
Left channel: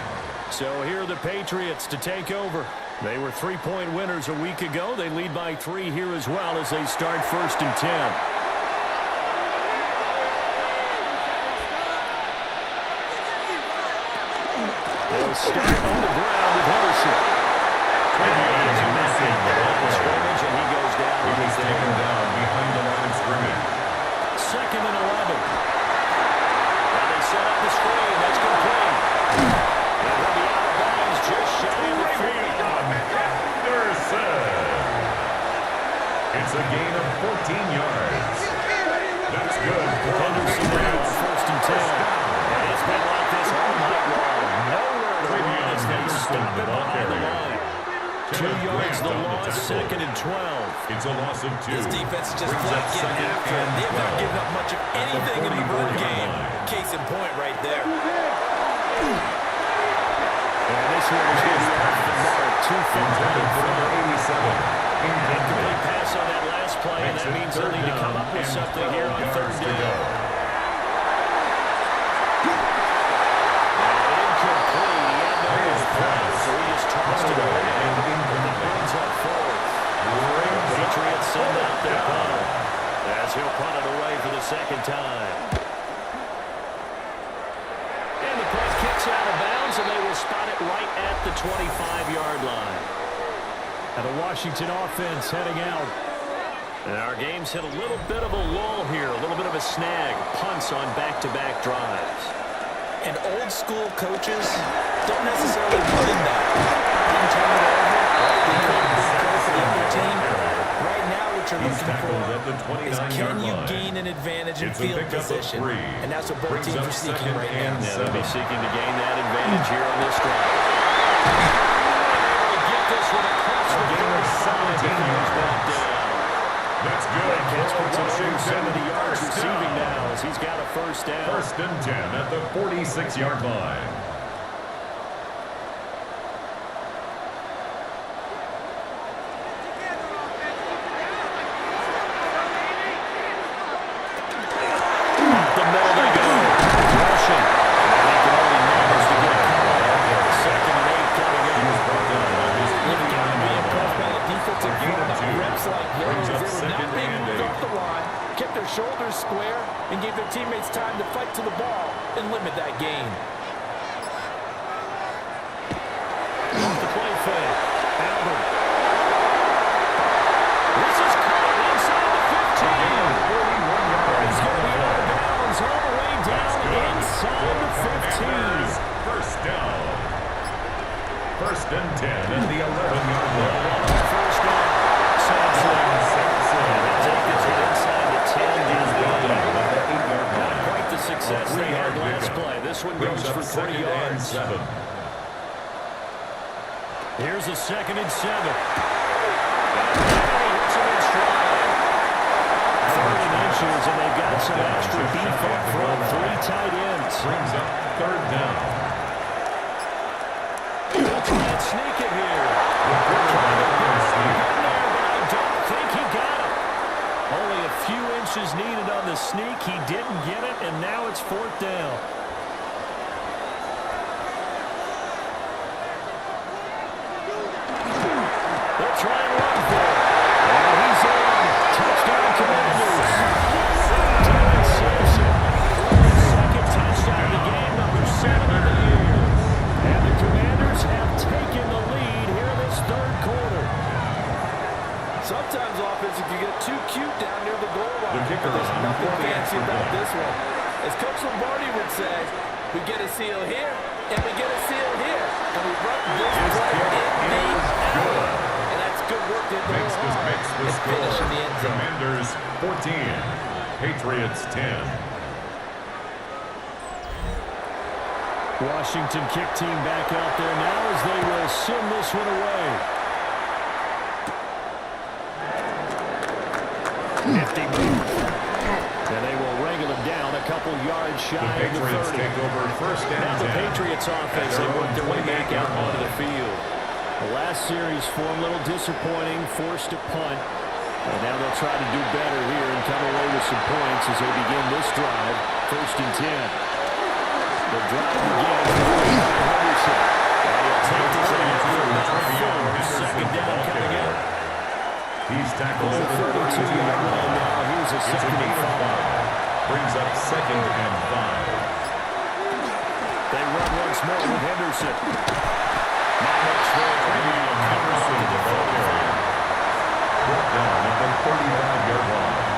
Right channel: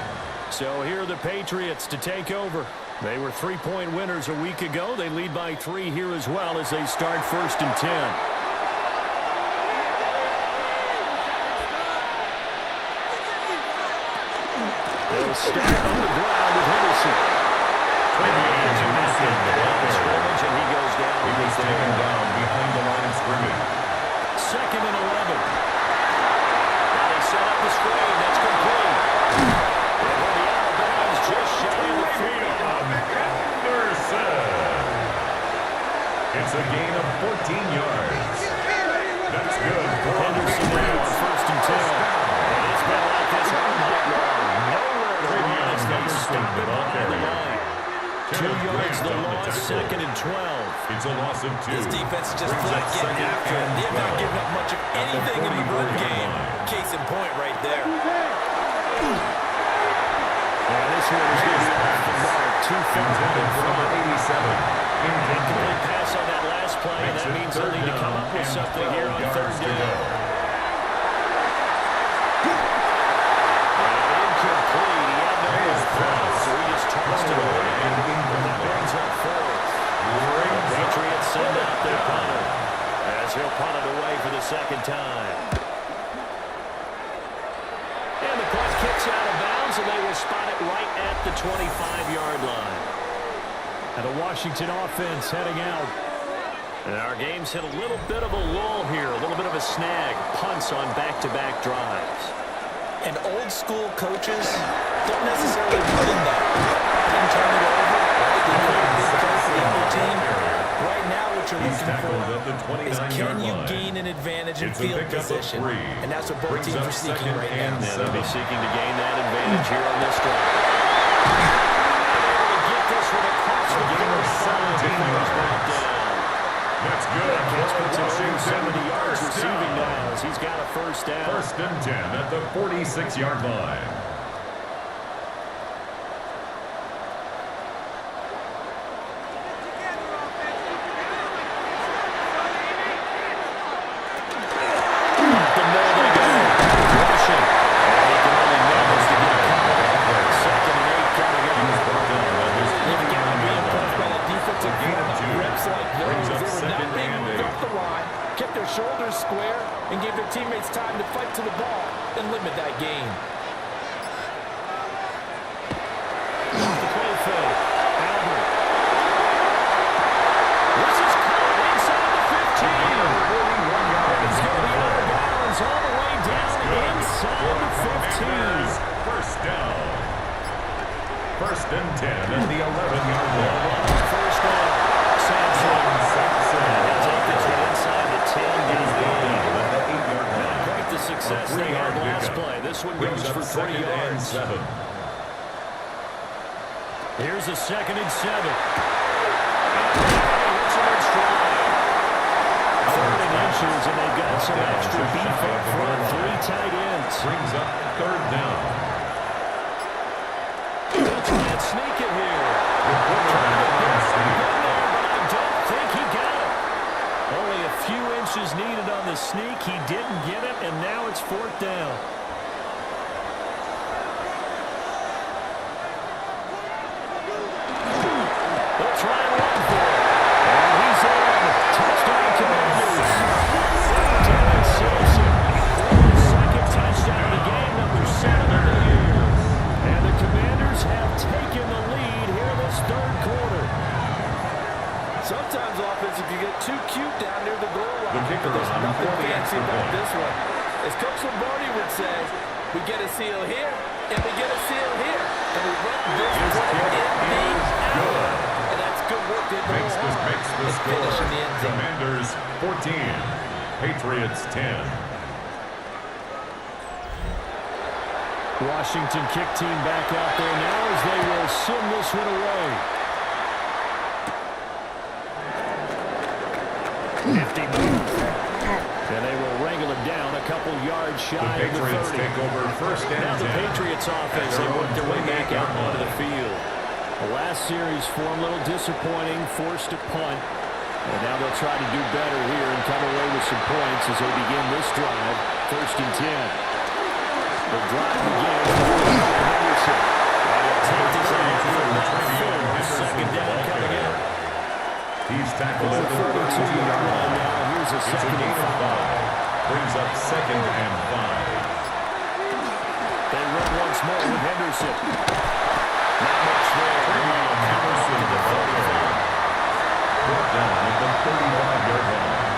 So here are the Patriots to take over. They were 3-point winners a week ago. They lead by 3 here as well as they start 1st and 10. They'll start on the ground with Henderson. And he is back in the line of scrimmage, and he goes down. He was taken down behind the line of scrimmage. 2nd and 11. Now they set up the screen. That's complete. And he'll be out of bounds just shy of the 40. Anderson. It's a gain of 14 yards. That's good for Henderson now on Patriots. 1st and 10. And it's been like this all night long. Nowhere to run as they stop it behind the line. 2 yards the loss, 2nd and 12. It's a loss of 2. This defense is just Brings flat up getting 2nd after it. and They've not 12. given up much of At the anything in the run 44-yard game. line. Case in point right there. And this one is going to be off the mark. Too far out Intended in for number front. 87. Incomplete pass on that last play, and that means they'll need to come up with something here on third down. And incomplete. He had no pass, so he just tossed it away. And that brings up fourth. The Patriots send out their punter as he'll punt it away for the second time. And the punt kicks out of bounds, and they will spot it right at the 25-yard line. And the Washington offense heading out. And our game's hit a little bit of a lull here, a little bit of a snag. Punts on back-to-back drives. And old-school coaches don't necessarily mind that. Didn't turn it over, right? They created a big play for the other team. Right now, what you're looking for is can you gain an advantage in field position? And that's what both teams are seeking right now. Yeah, they'll be seeking to gain that advantage here on this drive. Able to get this one across the 17 yards brought down. That's good. That gets to 70 yards receiving now as he's got a first down. First and 10 at the 46-yard line. Up the middle they go. Rushing. And he can only manage to get a couple. Second and 8 coming up. You've got to be impressed by the defensive front on reps like those. They were not being moved off the line, kept their shoulders square, and gave their teammates time to fight to the ball and limit that gain. Off the play fake. Albert. This is caught inside the 15. 41 yards. He's going to be out of bounds all the way down inside the 15. First down. First and 10 at the 11-yard line. First down. Sampson. And he'll take this one inside the 10. He's brought down at the 8-yard line. Not quite the success they had last play. This one goes for 3 yards. 7. Here's a 2nd and 7. And he hits him in stride. 3rd and inches, and they've got some extra beef up front. 3 tight ends. Brings up 3rd down. He'll try and sneak it here. The quarterback on sneak. Good there, but I don't think he got it. Only a few inches needed on the sneak. He didn't get it, and now it's 4th down. They'll try and run for it. And he's in. Touchdown, Commanders. Dylan Sampson. Second touchdown of the game, number 7 of the year. And the Commanders have taken the lead here in this 3rd quarter. Sometimes offense can get too cute down near the goal line. The kicker But there's on nothing for the fancy extra about point. this one. As Coach Lombardi would say, we get a seal here, and we get a seal here. And we run this play in the hour. And that's good work to hit the Makes hole hard the and finish score. in the end zone. Commanders 14. Patriots 10. Washington kick team back out there now as they will send this one away. Nifty move. And they will wrangle it down a couple yards shy The of the Patriots 30. take over first and Now the 10. Patriots offense, they work their way back out onto the field. The last series for them, a little disappointing, forced to punt. And now they'll try to do better here and come away with some points as they begin this drive, 1st and 10. The drive begins by Henderson. And he'll take this in for about 4. 2nd down coming up. He's tackled On at the the 32-yard line now. Here's a It's a 2nd gain and of 5. 5. Brings up 2nd and 5. They run once more with Henderson. Not much there. Henderson, the ball carrier. Brought down at the 35-yard line.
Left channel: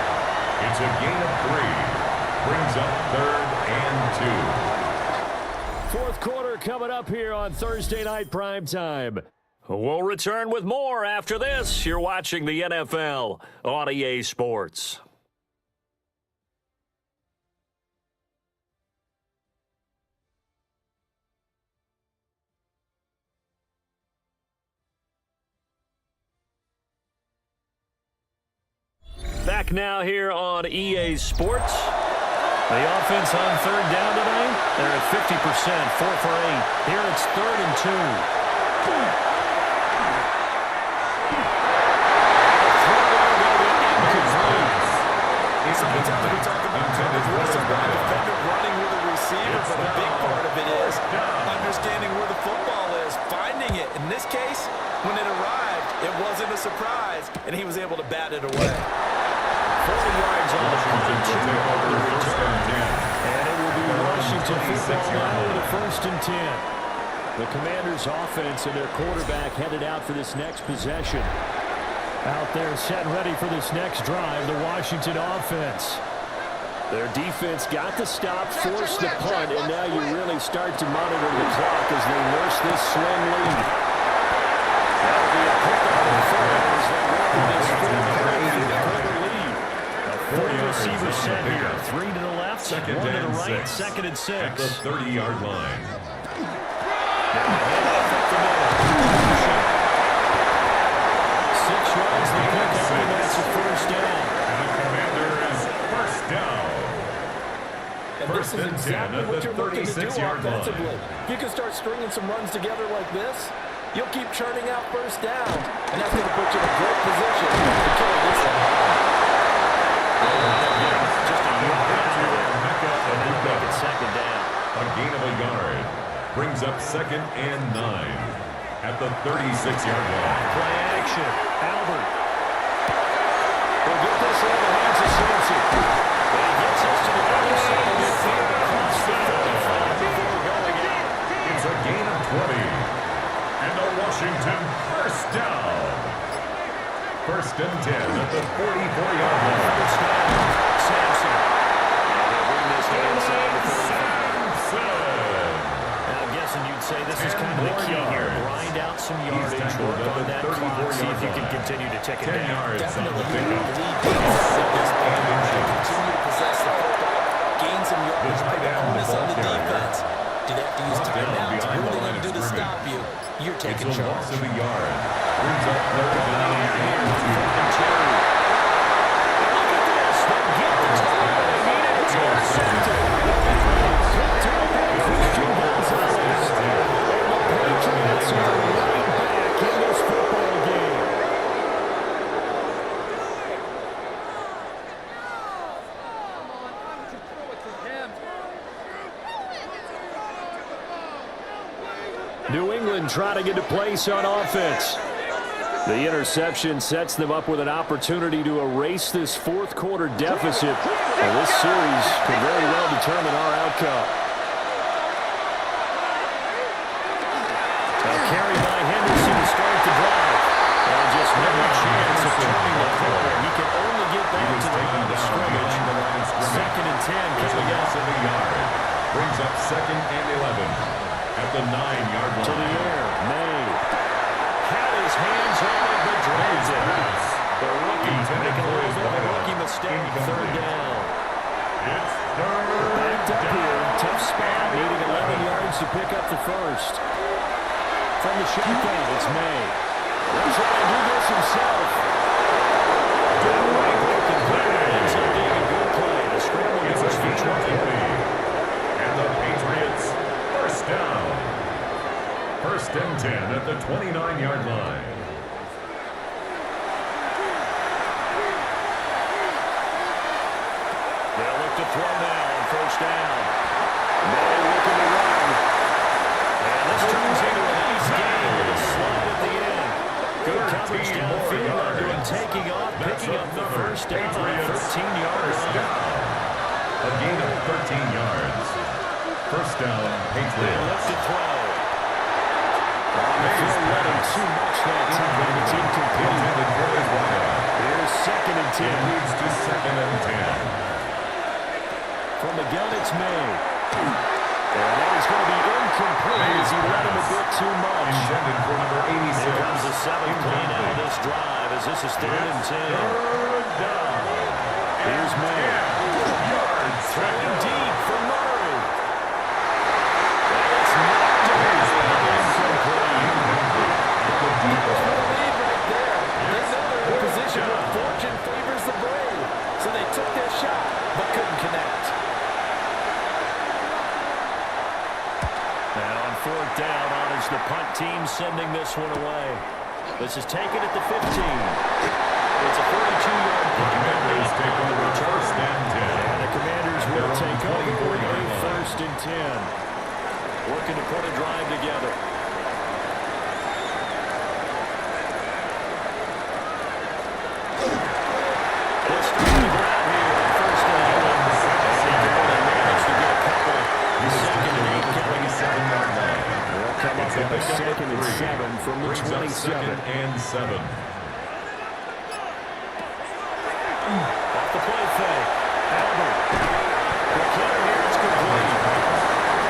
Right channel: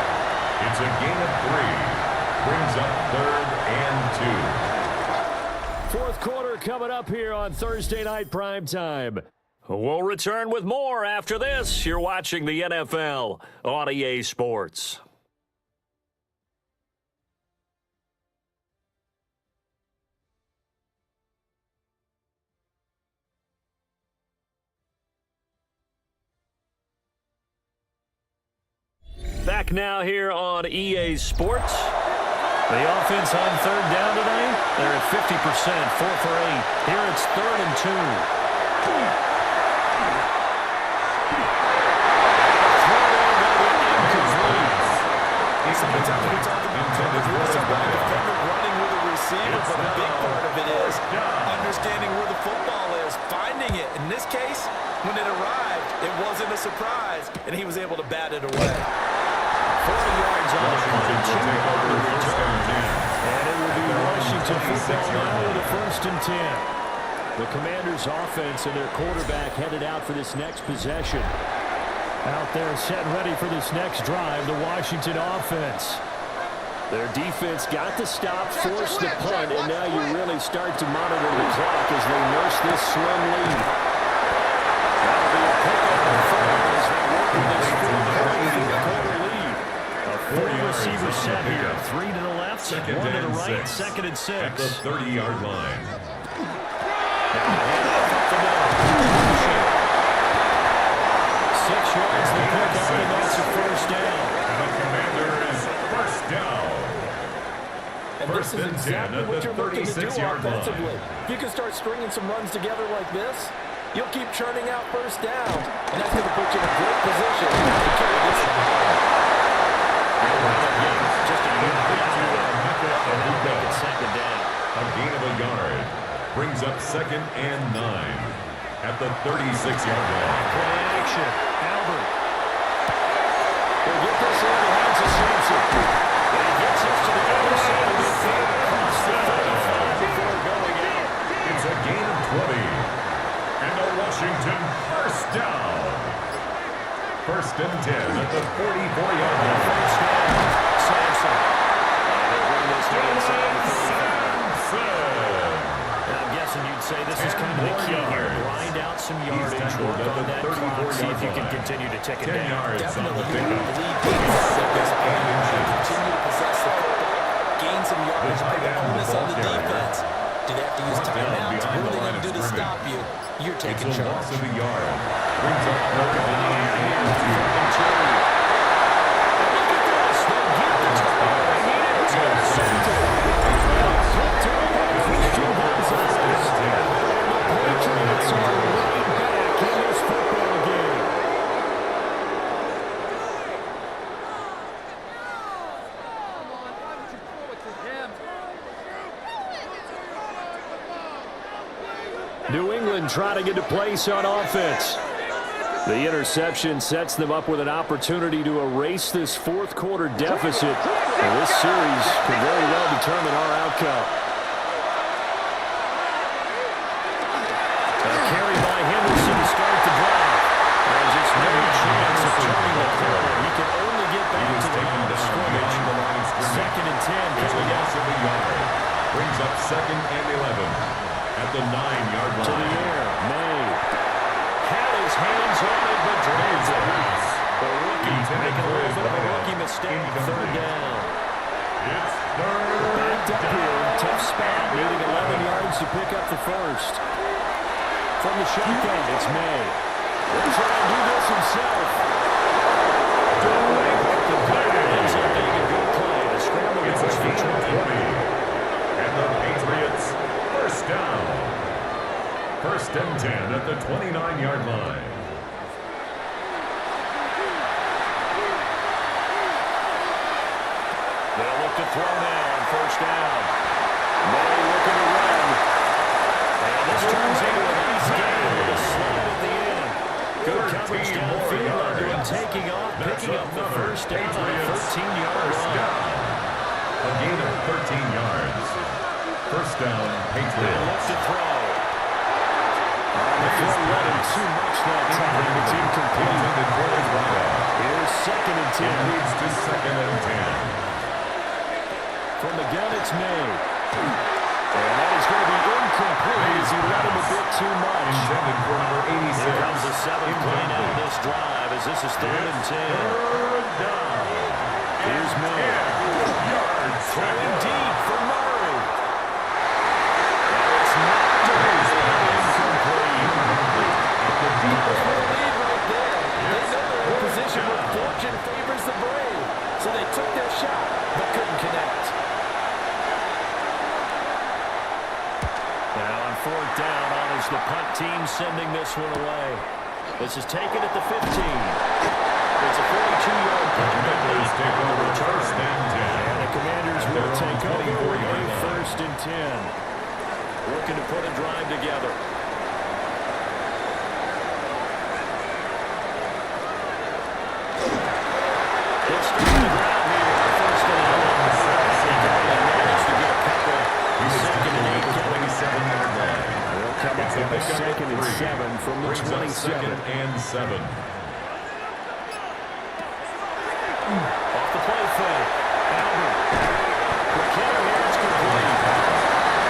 It's a gain of 3. Brings up 3rd and 2. 4th quarter coming up here on Thursday Night Primetime. We'll return with more after this. You're watching the NFL on EA Sports. Back now here on EA Sports. The offense on 3rd down tonight, they're at 50%, 4 for 8. Here it's 3rd and 2. Listen, a defender running with a receiver, but a big part of it is understanding where the football is, finding it. In this case, when it arrived, it wasn't a surprise, and he was able to bat it away. 40 yards on the punt, 2 on the return. And it will be Washington football now with a 1st and 10. The Commanders' offense and their quarterback headed out for this next possession. Out there set ready for this next drive, the Washington offense. Their defense got the stop, forced the punt, and now you really start to monitor the clock as they nurse this slim lead. That'll be a pickup of 4 as they work with this 4-quarter lead. A 4-receiver set here. 3 to the left, 1 to the right, 2nd and 6. At the 30-yard line. Now a handoff up the middle. 6 yards to pick up, and that's a 1st down. And the Commanders, 1st down. And this is exactly what you're looking to do offensively. If you can start stringing some runs together like this, you'll keep churning out 1st down, and that's going to put you in a great position to carry this one home. Just a yard out of there, and that'll make it 2nd down. A gain of a yard brings up 2nd and 9 at the 36-yard line. Play action. Albert. Will get this in the hands of Sampson. But he gets this to the other side of midfield across the 35 before going out. It's a gain of 20. And a Washington 1st down. 1st and 10 at the 44-yard line. 1st down. Sampson. And they bring this to inside the 35. Now, I'm guessing you'd say this is kind of the key here. Grind out some yardage, work on that clock, see if you can continue to tick it down. Definitely continue to possess the football, gain some yardage, put the onus on the defense. Do they have to use timeouts? What are they going to do to stop you? You're taking charge. Loss of a yard. Brings up 3rd and 2. And look at this. They get the turnover they needed. It's going to send to Patriots are right back in this football game. New England trying to get a place on offense. The interception sets them up with an opportunity to erase this 4th quarter deficit. And this series could very well determine our outcome. A carry by Henderson to start the drive. And just no chance of turning the corner. He can only get back to the line of scrimmage. 2nd and 10 coming up. Loss of a yard. Brings up 2nd and 11 at the 9-yard line. To the air, May. Had his hands on it, but drains it. The rookie making a little bit of a rookie mistake. 3rd down. It's 3rd Backed up here. Tough spot. Needing 11 yards to pick up the 1st. From the shotgun, it's May. They're trying to do this himself. That way, broken play. Ends up being a good play. The scramble goes for 20. And the Patriots, 1st down. 1st and 10 at the 29-yard line. They'll look to throw now on 1st down. May looking to run. And this turns into a nice game with a slide at the end. Good coverage downfield under him taking off, picking up the 1st down on a 13-yard run. A gain of 13 yards. 1st down, Patriots. They'll look to throw. On the throw, letting too much that time. It's incomplete. Here's 2nd and 10. It leads to 2nd and 10. From the gun, it's May. And that is going to be incomplete as he let him a bit too much. Intended for number 86. Here comes the 7th play now of this drive as this is 3rd and 10. 3rd down. Here's May. Yards. Throwing deep for Murray. And it's knocked away. Incomplete. Lead right there. They know they're in a position where fortune favors the brave. So they took their shot, but couldn't connect. Now on 4th down, on is the punt team sending this one away. This is taken at the 15. It's a 42-yard The Commanders take over first and 10. And the Commanders At their will own take over 24-yard a line. first and 10. Looking to put a drive together. It's starting to grab here. First and 11. And they only managed to get a couple. He was Second and at 8 the coming. 27-yard line. They'll come up It's a with a pickup of second and 3. 7 from the Brings up 27. second and 7. Off the play fake. Albert. Quick hitter here. It's complete.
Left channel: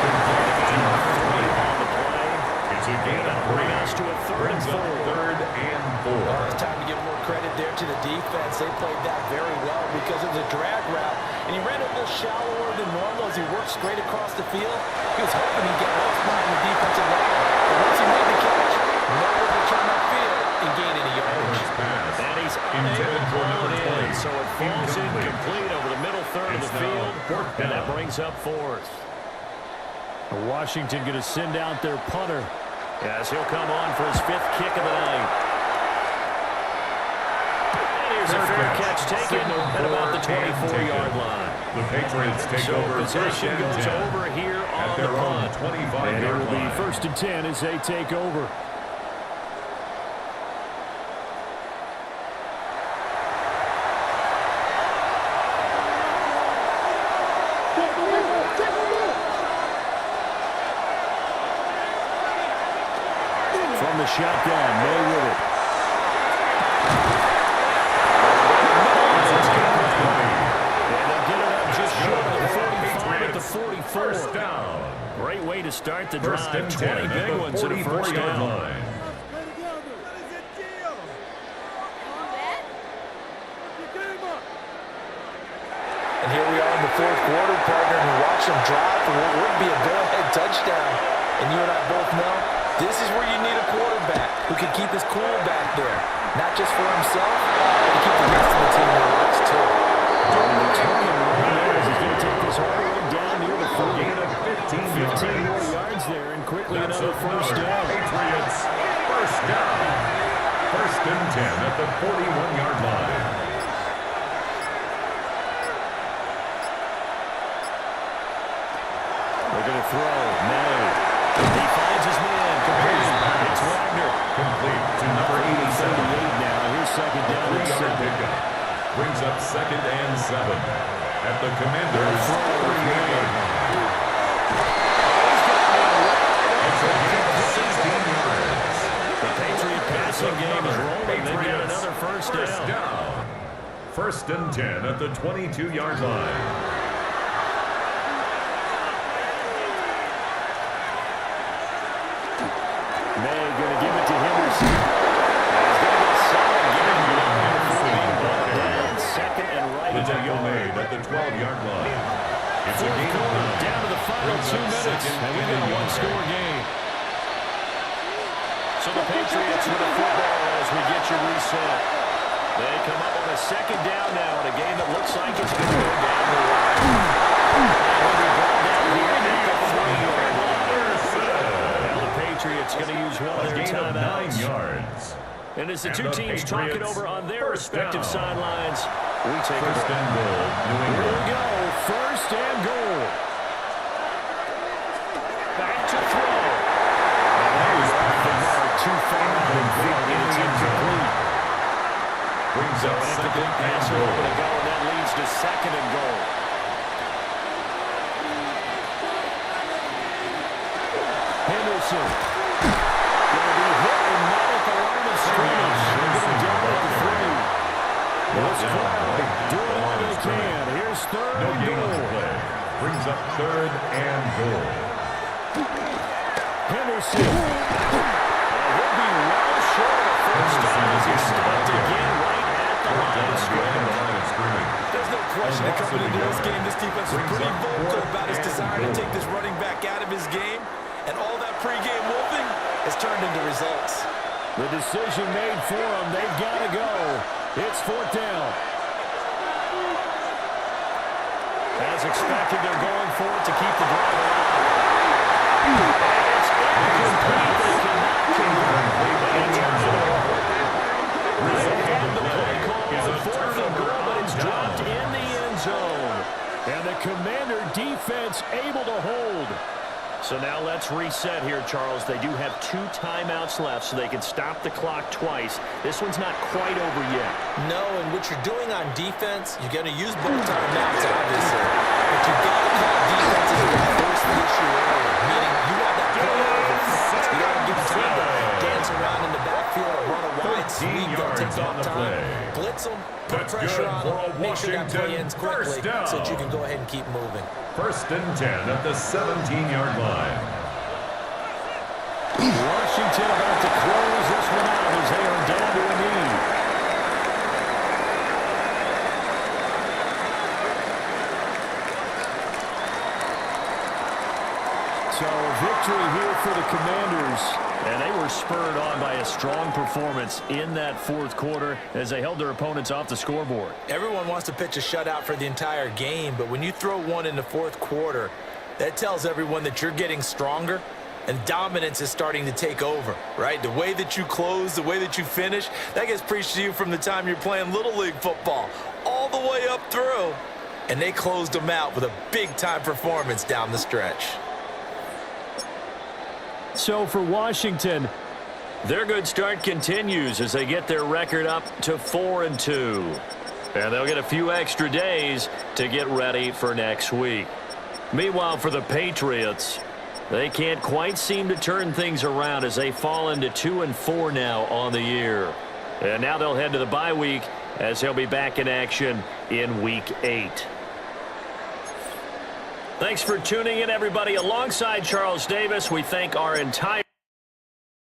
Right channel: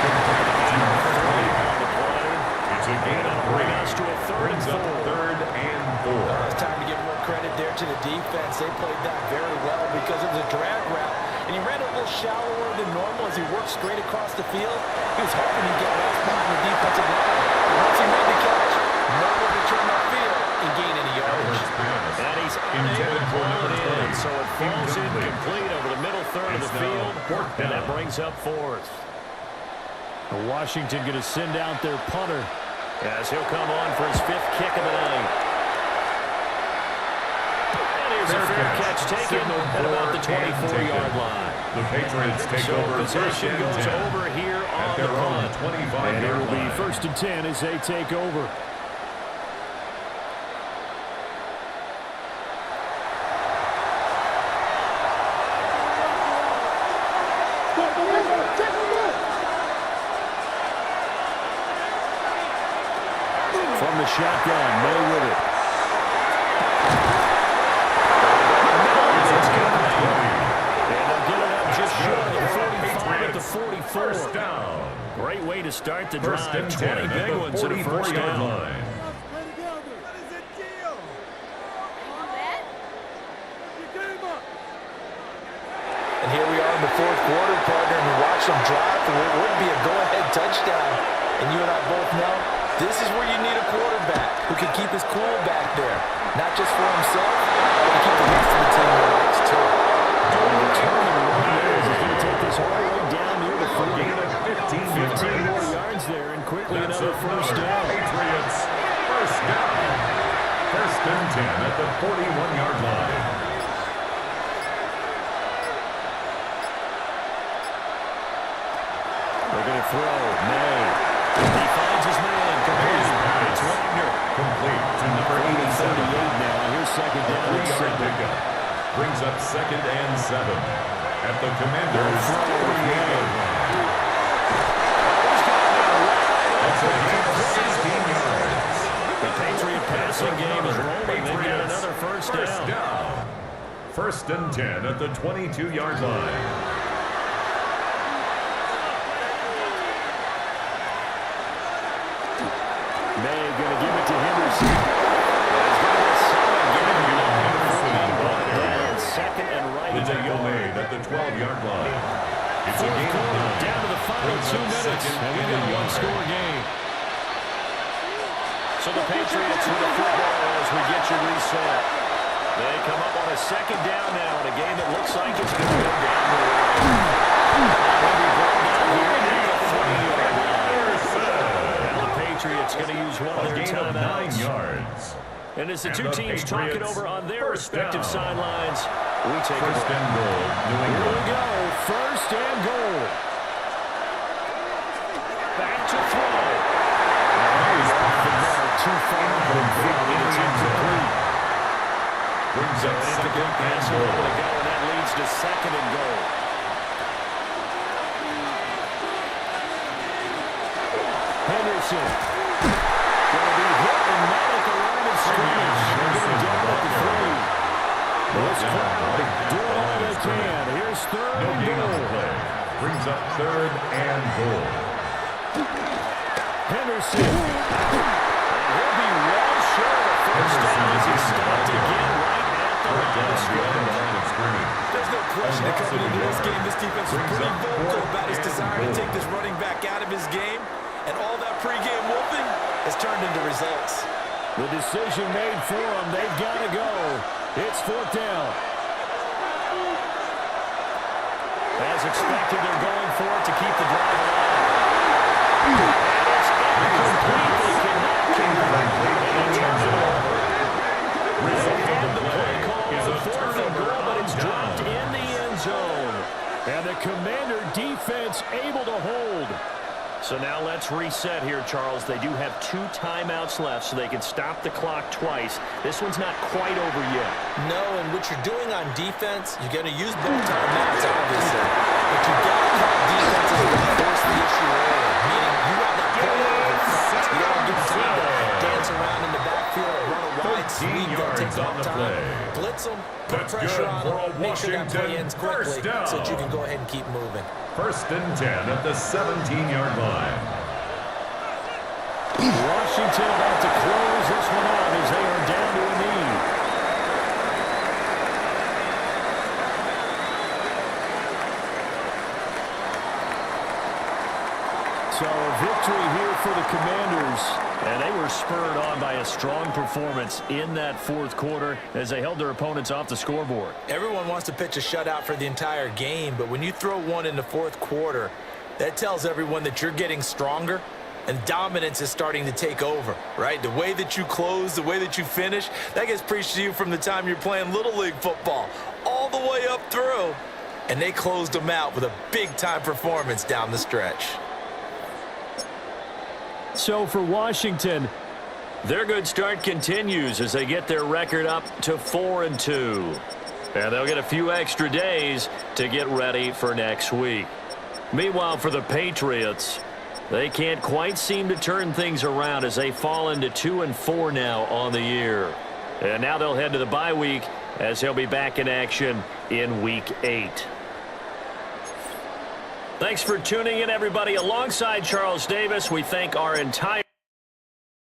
Complete to number 3 20. on the play. It's a gain of That'll 3. bring us to a third Brings and up 4. third and 4. Oh, it's time to give more credit there to the defense. They played that very well because it was a drag route, and he ran it a little shallower than normal as he worked straight across the field. He was hoping he'd get lost behind the defensive line. But once he made the catch, nowhere to turn upfield and gain any yardage. Albert's pass. And he's unable Intended to for haul number it 20. in, so it falls Incomplete. incomplete over the middle third of It's the now field. fourth And that down. brings up fourth. Washington going to send out their punter as he'll come on for his 5th kick of the night. And here's a fair catch taken Signaled at about the for and 24-yard taken. line. The Patriots take So over first possession and goes 10. over here At on their the own punt. 25-yard And it will be line. first and 10 as they take over. From the shotgun, May with it. And they'll get it up just short of the 45 at the 44. First down. Great way to start the First drive. and 20 10 big at ones the in a first 44-yard down. line. Play together. What is the deal? On that? You game up. And here we are in the fourth quarter, partner, and watch them drive for what would be a go-ahead touchdown. And you and I both know this is where you need a quarterback who can keep his cool back there. Not just for himself, but to keep the rest of the team relaxed, too. The determined run there is going to take this all the way down near the 40. Gain of 15 15 more yards. yards there, and quickly That's another first another down. Patriots first down. First and 10 at the 41-yard line. They're going to throw. May. He finds his man. Complete. It's Wagner. Complete to number 87. 38 now. Here's second A down and 3-yard 7. pickup. Brings up second and 7 at the Commanders' 38-yard line. It's a gain of 16 yards. The Patriot passing game is rolling. They've got Patriots another first down. down. First and 10 at the 22-yard line. May going to give it to Henderson. He's going to get someone getting down. Second and right The at the tackle yard. made at the 12-yard line. It's a Fourth gain of quarter, 9. down to the final Brings 2 up minutes, second and we've and got a a one-score yard. game. So the Patriots with the football as we get you reset. They come up on a second down now in a game that looks like it's going to go down the line. Now he'll be brought down here at the 3-yard line. Now the Patriots going to use one of A their gain of 9 timeouts. yards. And as the And two the teams talk it Patriots over on their first respective down. sidelines, we take a First break. and goal, New Here we England. go. First and goal. Back to throw. And that is off the mark. Too far out in front. And it's incomplete. Brings So up an second incomplete and pass a moment goal. ago, and that leads to second and goal. Henderson. Going to be hit and not at the line of scrimmage. They're getting down at the 3. This crowd doing all they can. Here's third No and gain on the goal. play. Brings up third and goal. Henderson. And he'll be well short of first down as he stopped again right at the Brought line down of behind the scrimmage. line of scrimmage. There's no question that coming into this game, this defense was Brings pretty up vocal fourth about his and desire to goal. take this running back out of his game, and all that pregame wolfing has turned into results. The decision made for them. They've got to go. It's fourth down. As expected, they're going for it to keep the drive alive. And it's incomplete. They cannot convert. And it turns it over. They had the play call the Commander defense able to hold. So now let's reset here, Charles. They do have 2 timeouts left, so they can stop the clock twice. This one's not quite over yet. No, and what you're doing on defense, you're going to use both timeouts, obviously. But you've got to call defenses to force the issue early, meaning you want that play over fast. You don't give time to dance around in the backfield, run a wide sweep, don't take on the time. play. Blitz them, put That's pressure good on for a them, make sure that play Washington ends quickly first down. so that you can go ahead and keep moving. 1st and 10 at the 17-yard line. Washington about to close this one out as they are down to a knee. So a victory here for the Commanders. And they were spurred on by a strong performance in that 4th quarter as they held their opponents off the scoreboard. Everyone wants to pitch a shutout for the entire game, but when you throw one in the 4th quarter, that tells everyone that you're getting stronger and dominance is starting to take over, right? The way that you close, the way that you finish, that gets preached to you from the time you're playing Little League football all the way up through. And they closed them out with a big-time performance down the stretch. So for Washington, their good start continues as they get their record up to 4-2. And they'll get a few extra days to get ready for next week. Meanwhile, for the Patriots, they can't quite seem to turn things around as they fall into 2-4 now on the year. And now they'll head to the bye week as they'll be back in action in Week 8. Thanks for tuning in, everybody. Alongside Charles Davis, we thank our entire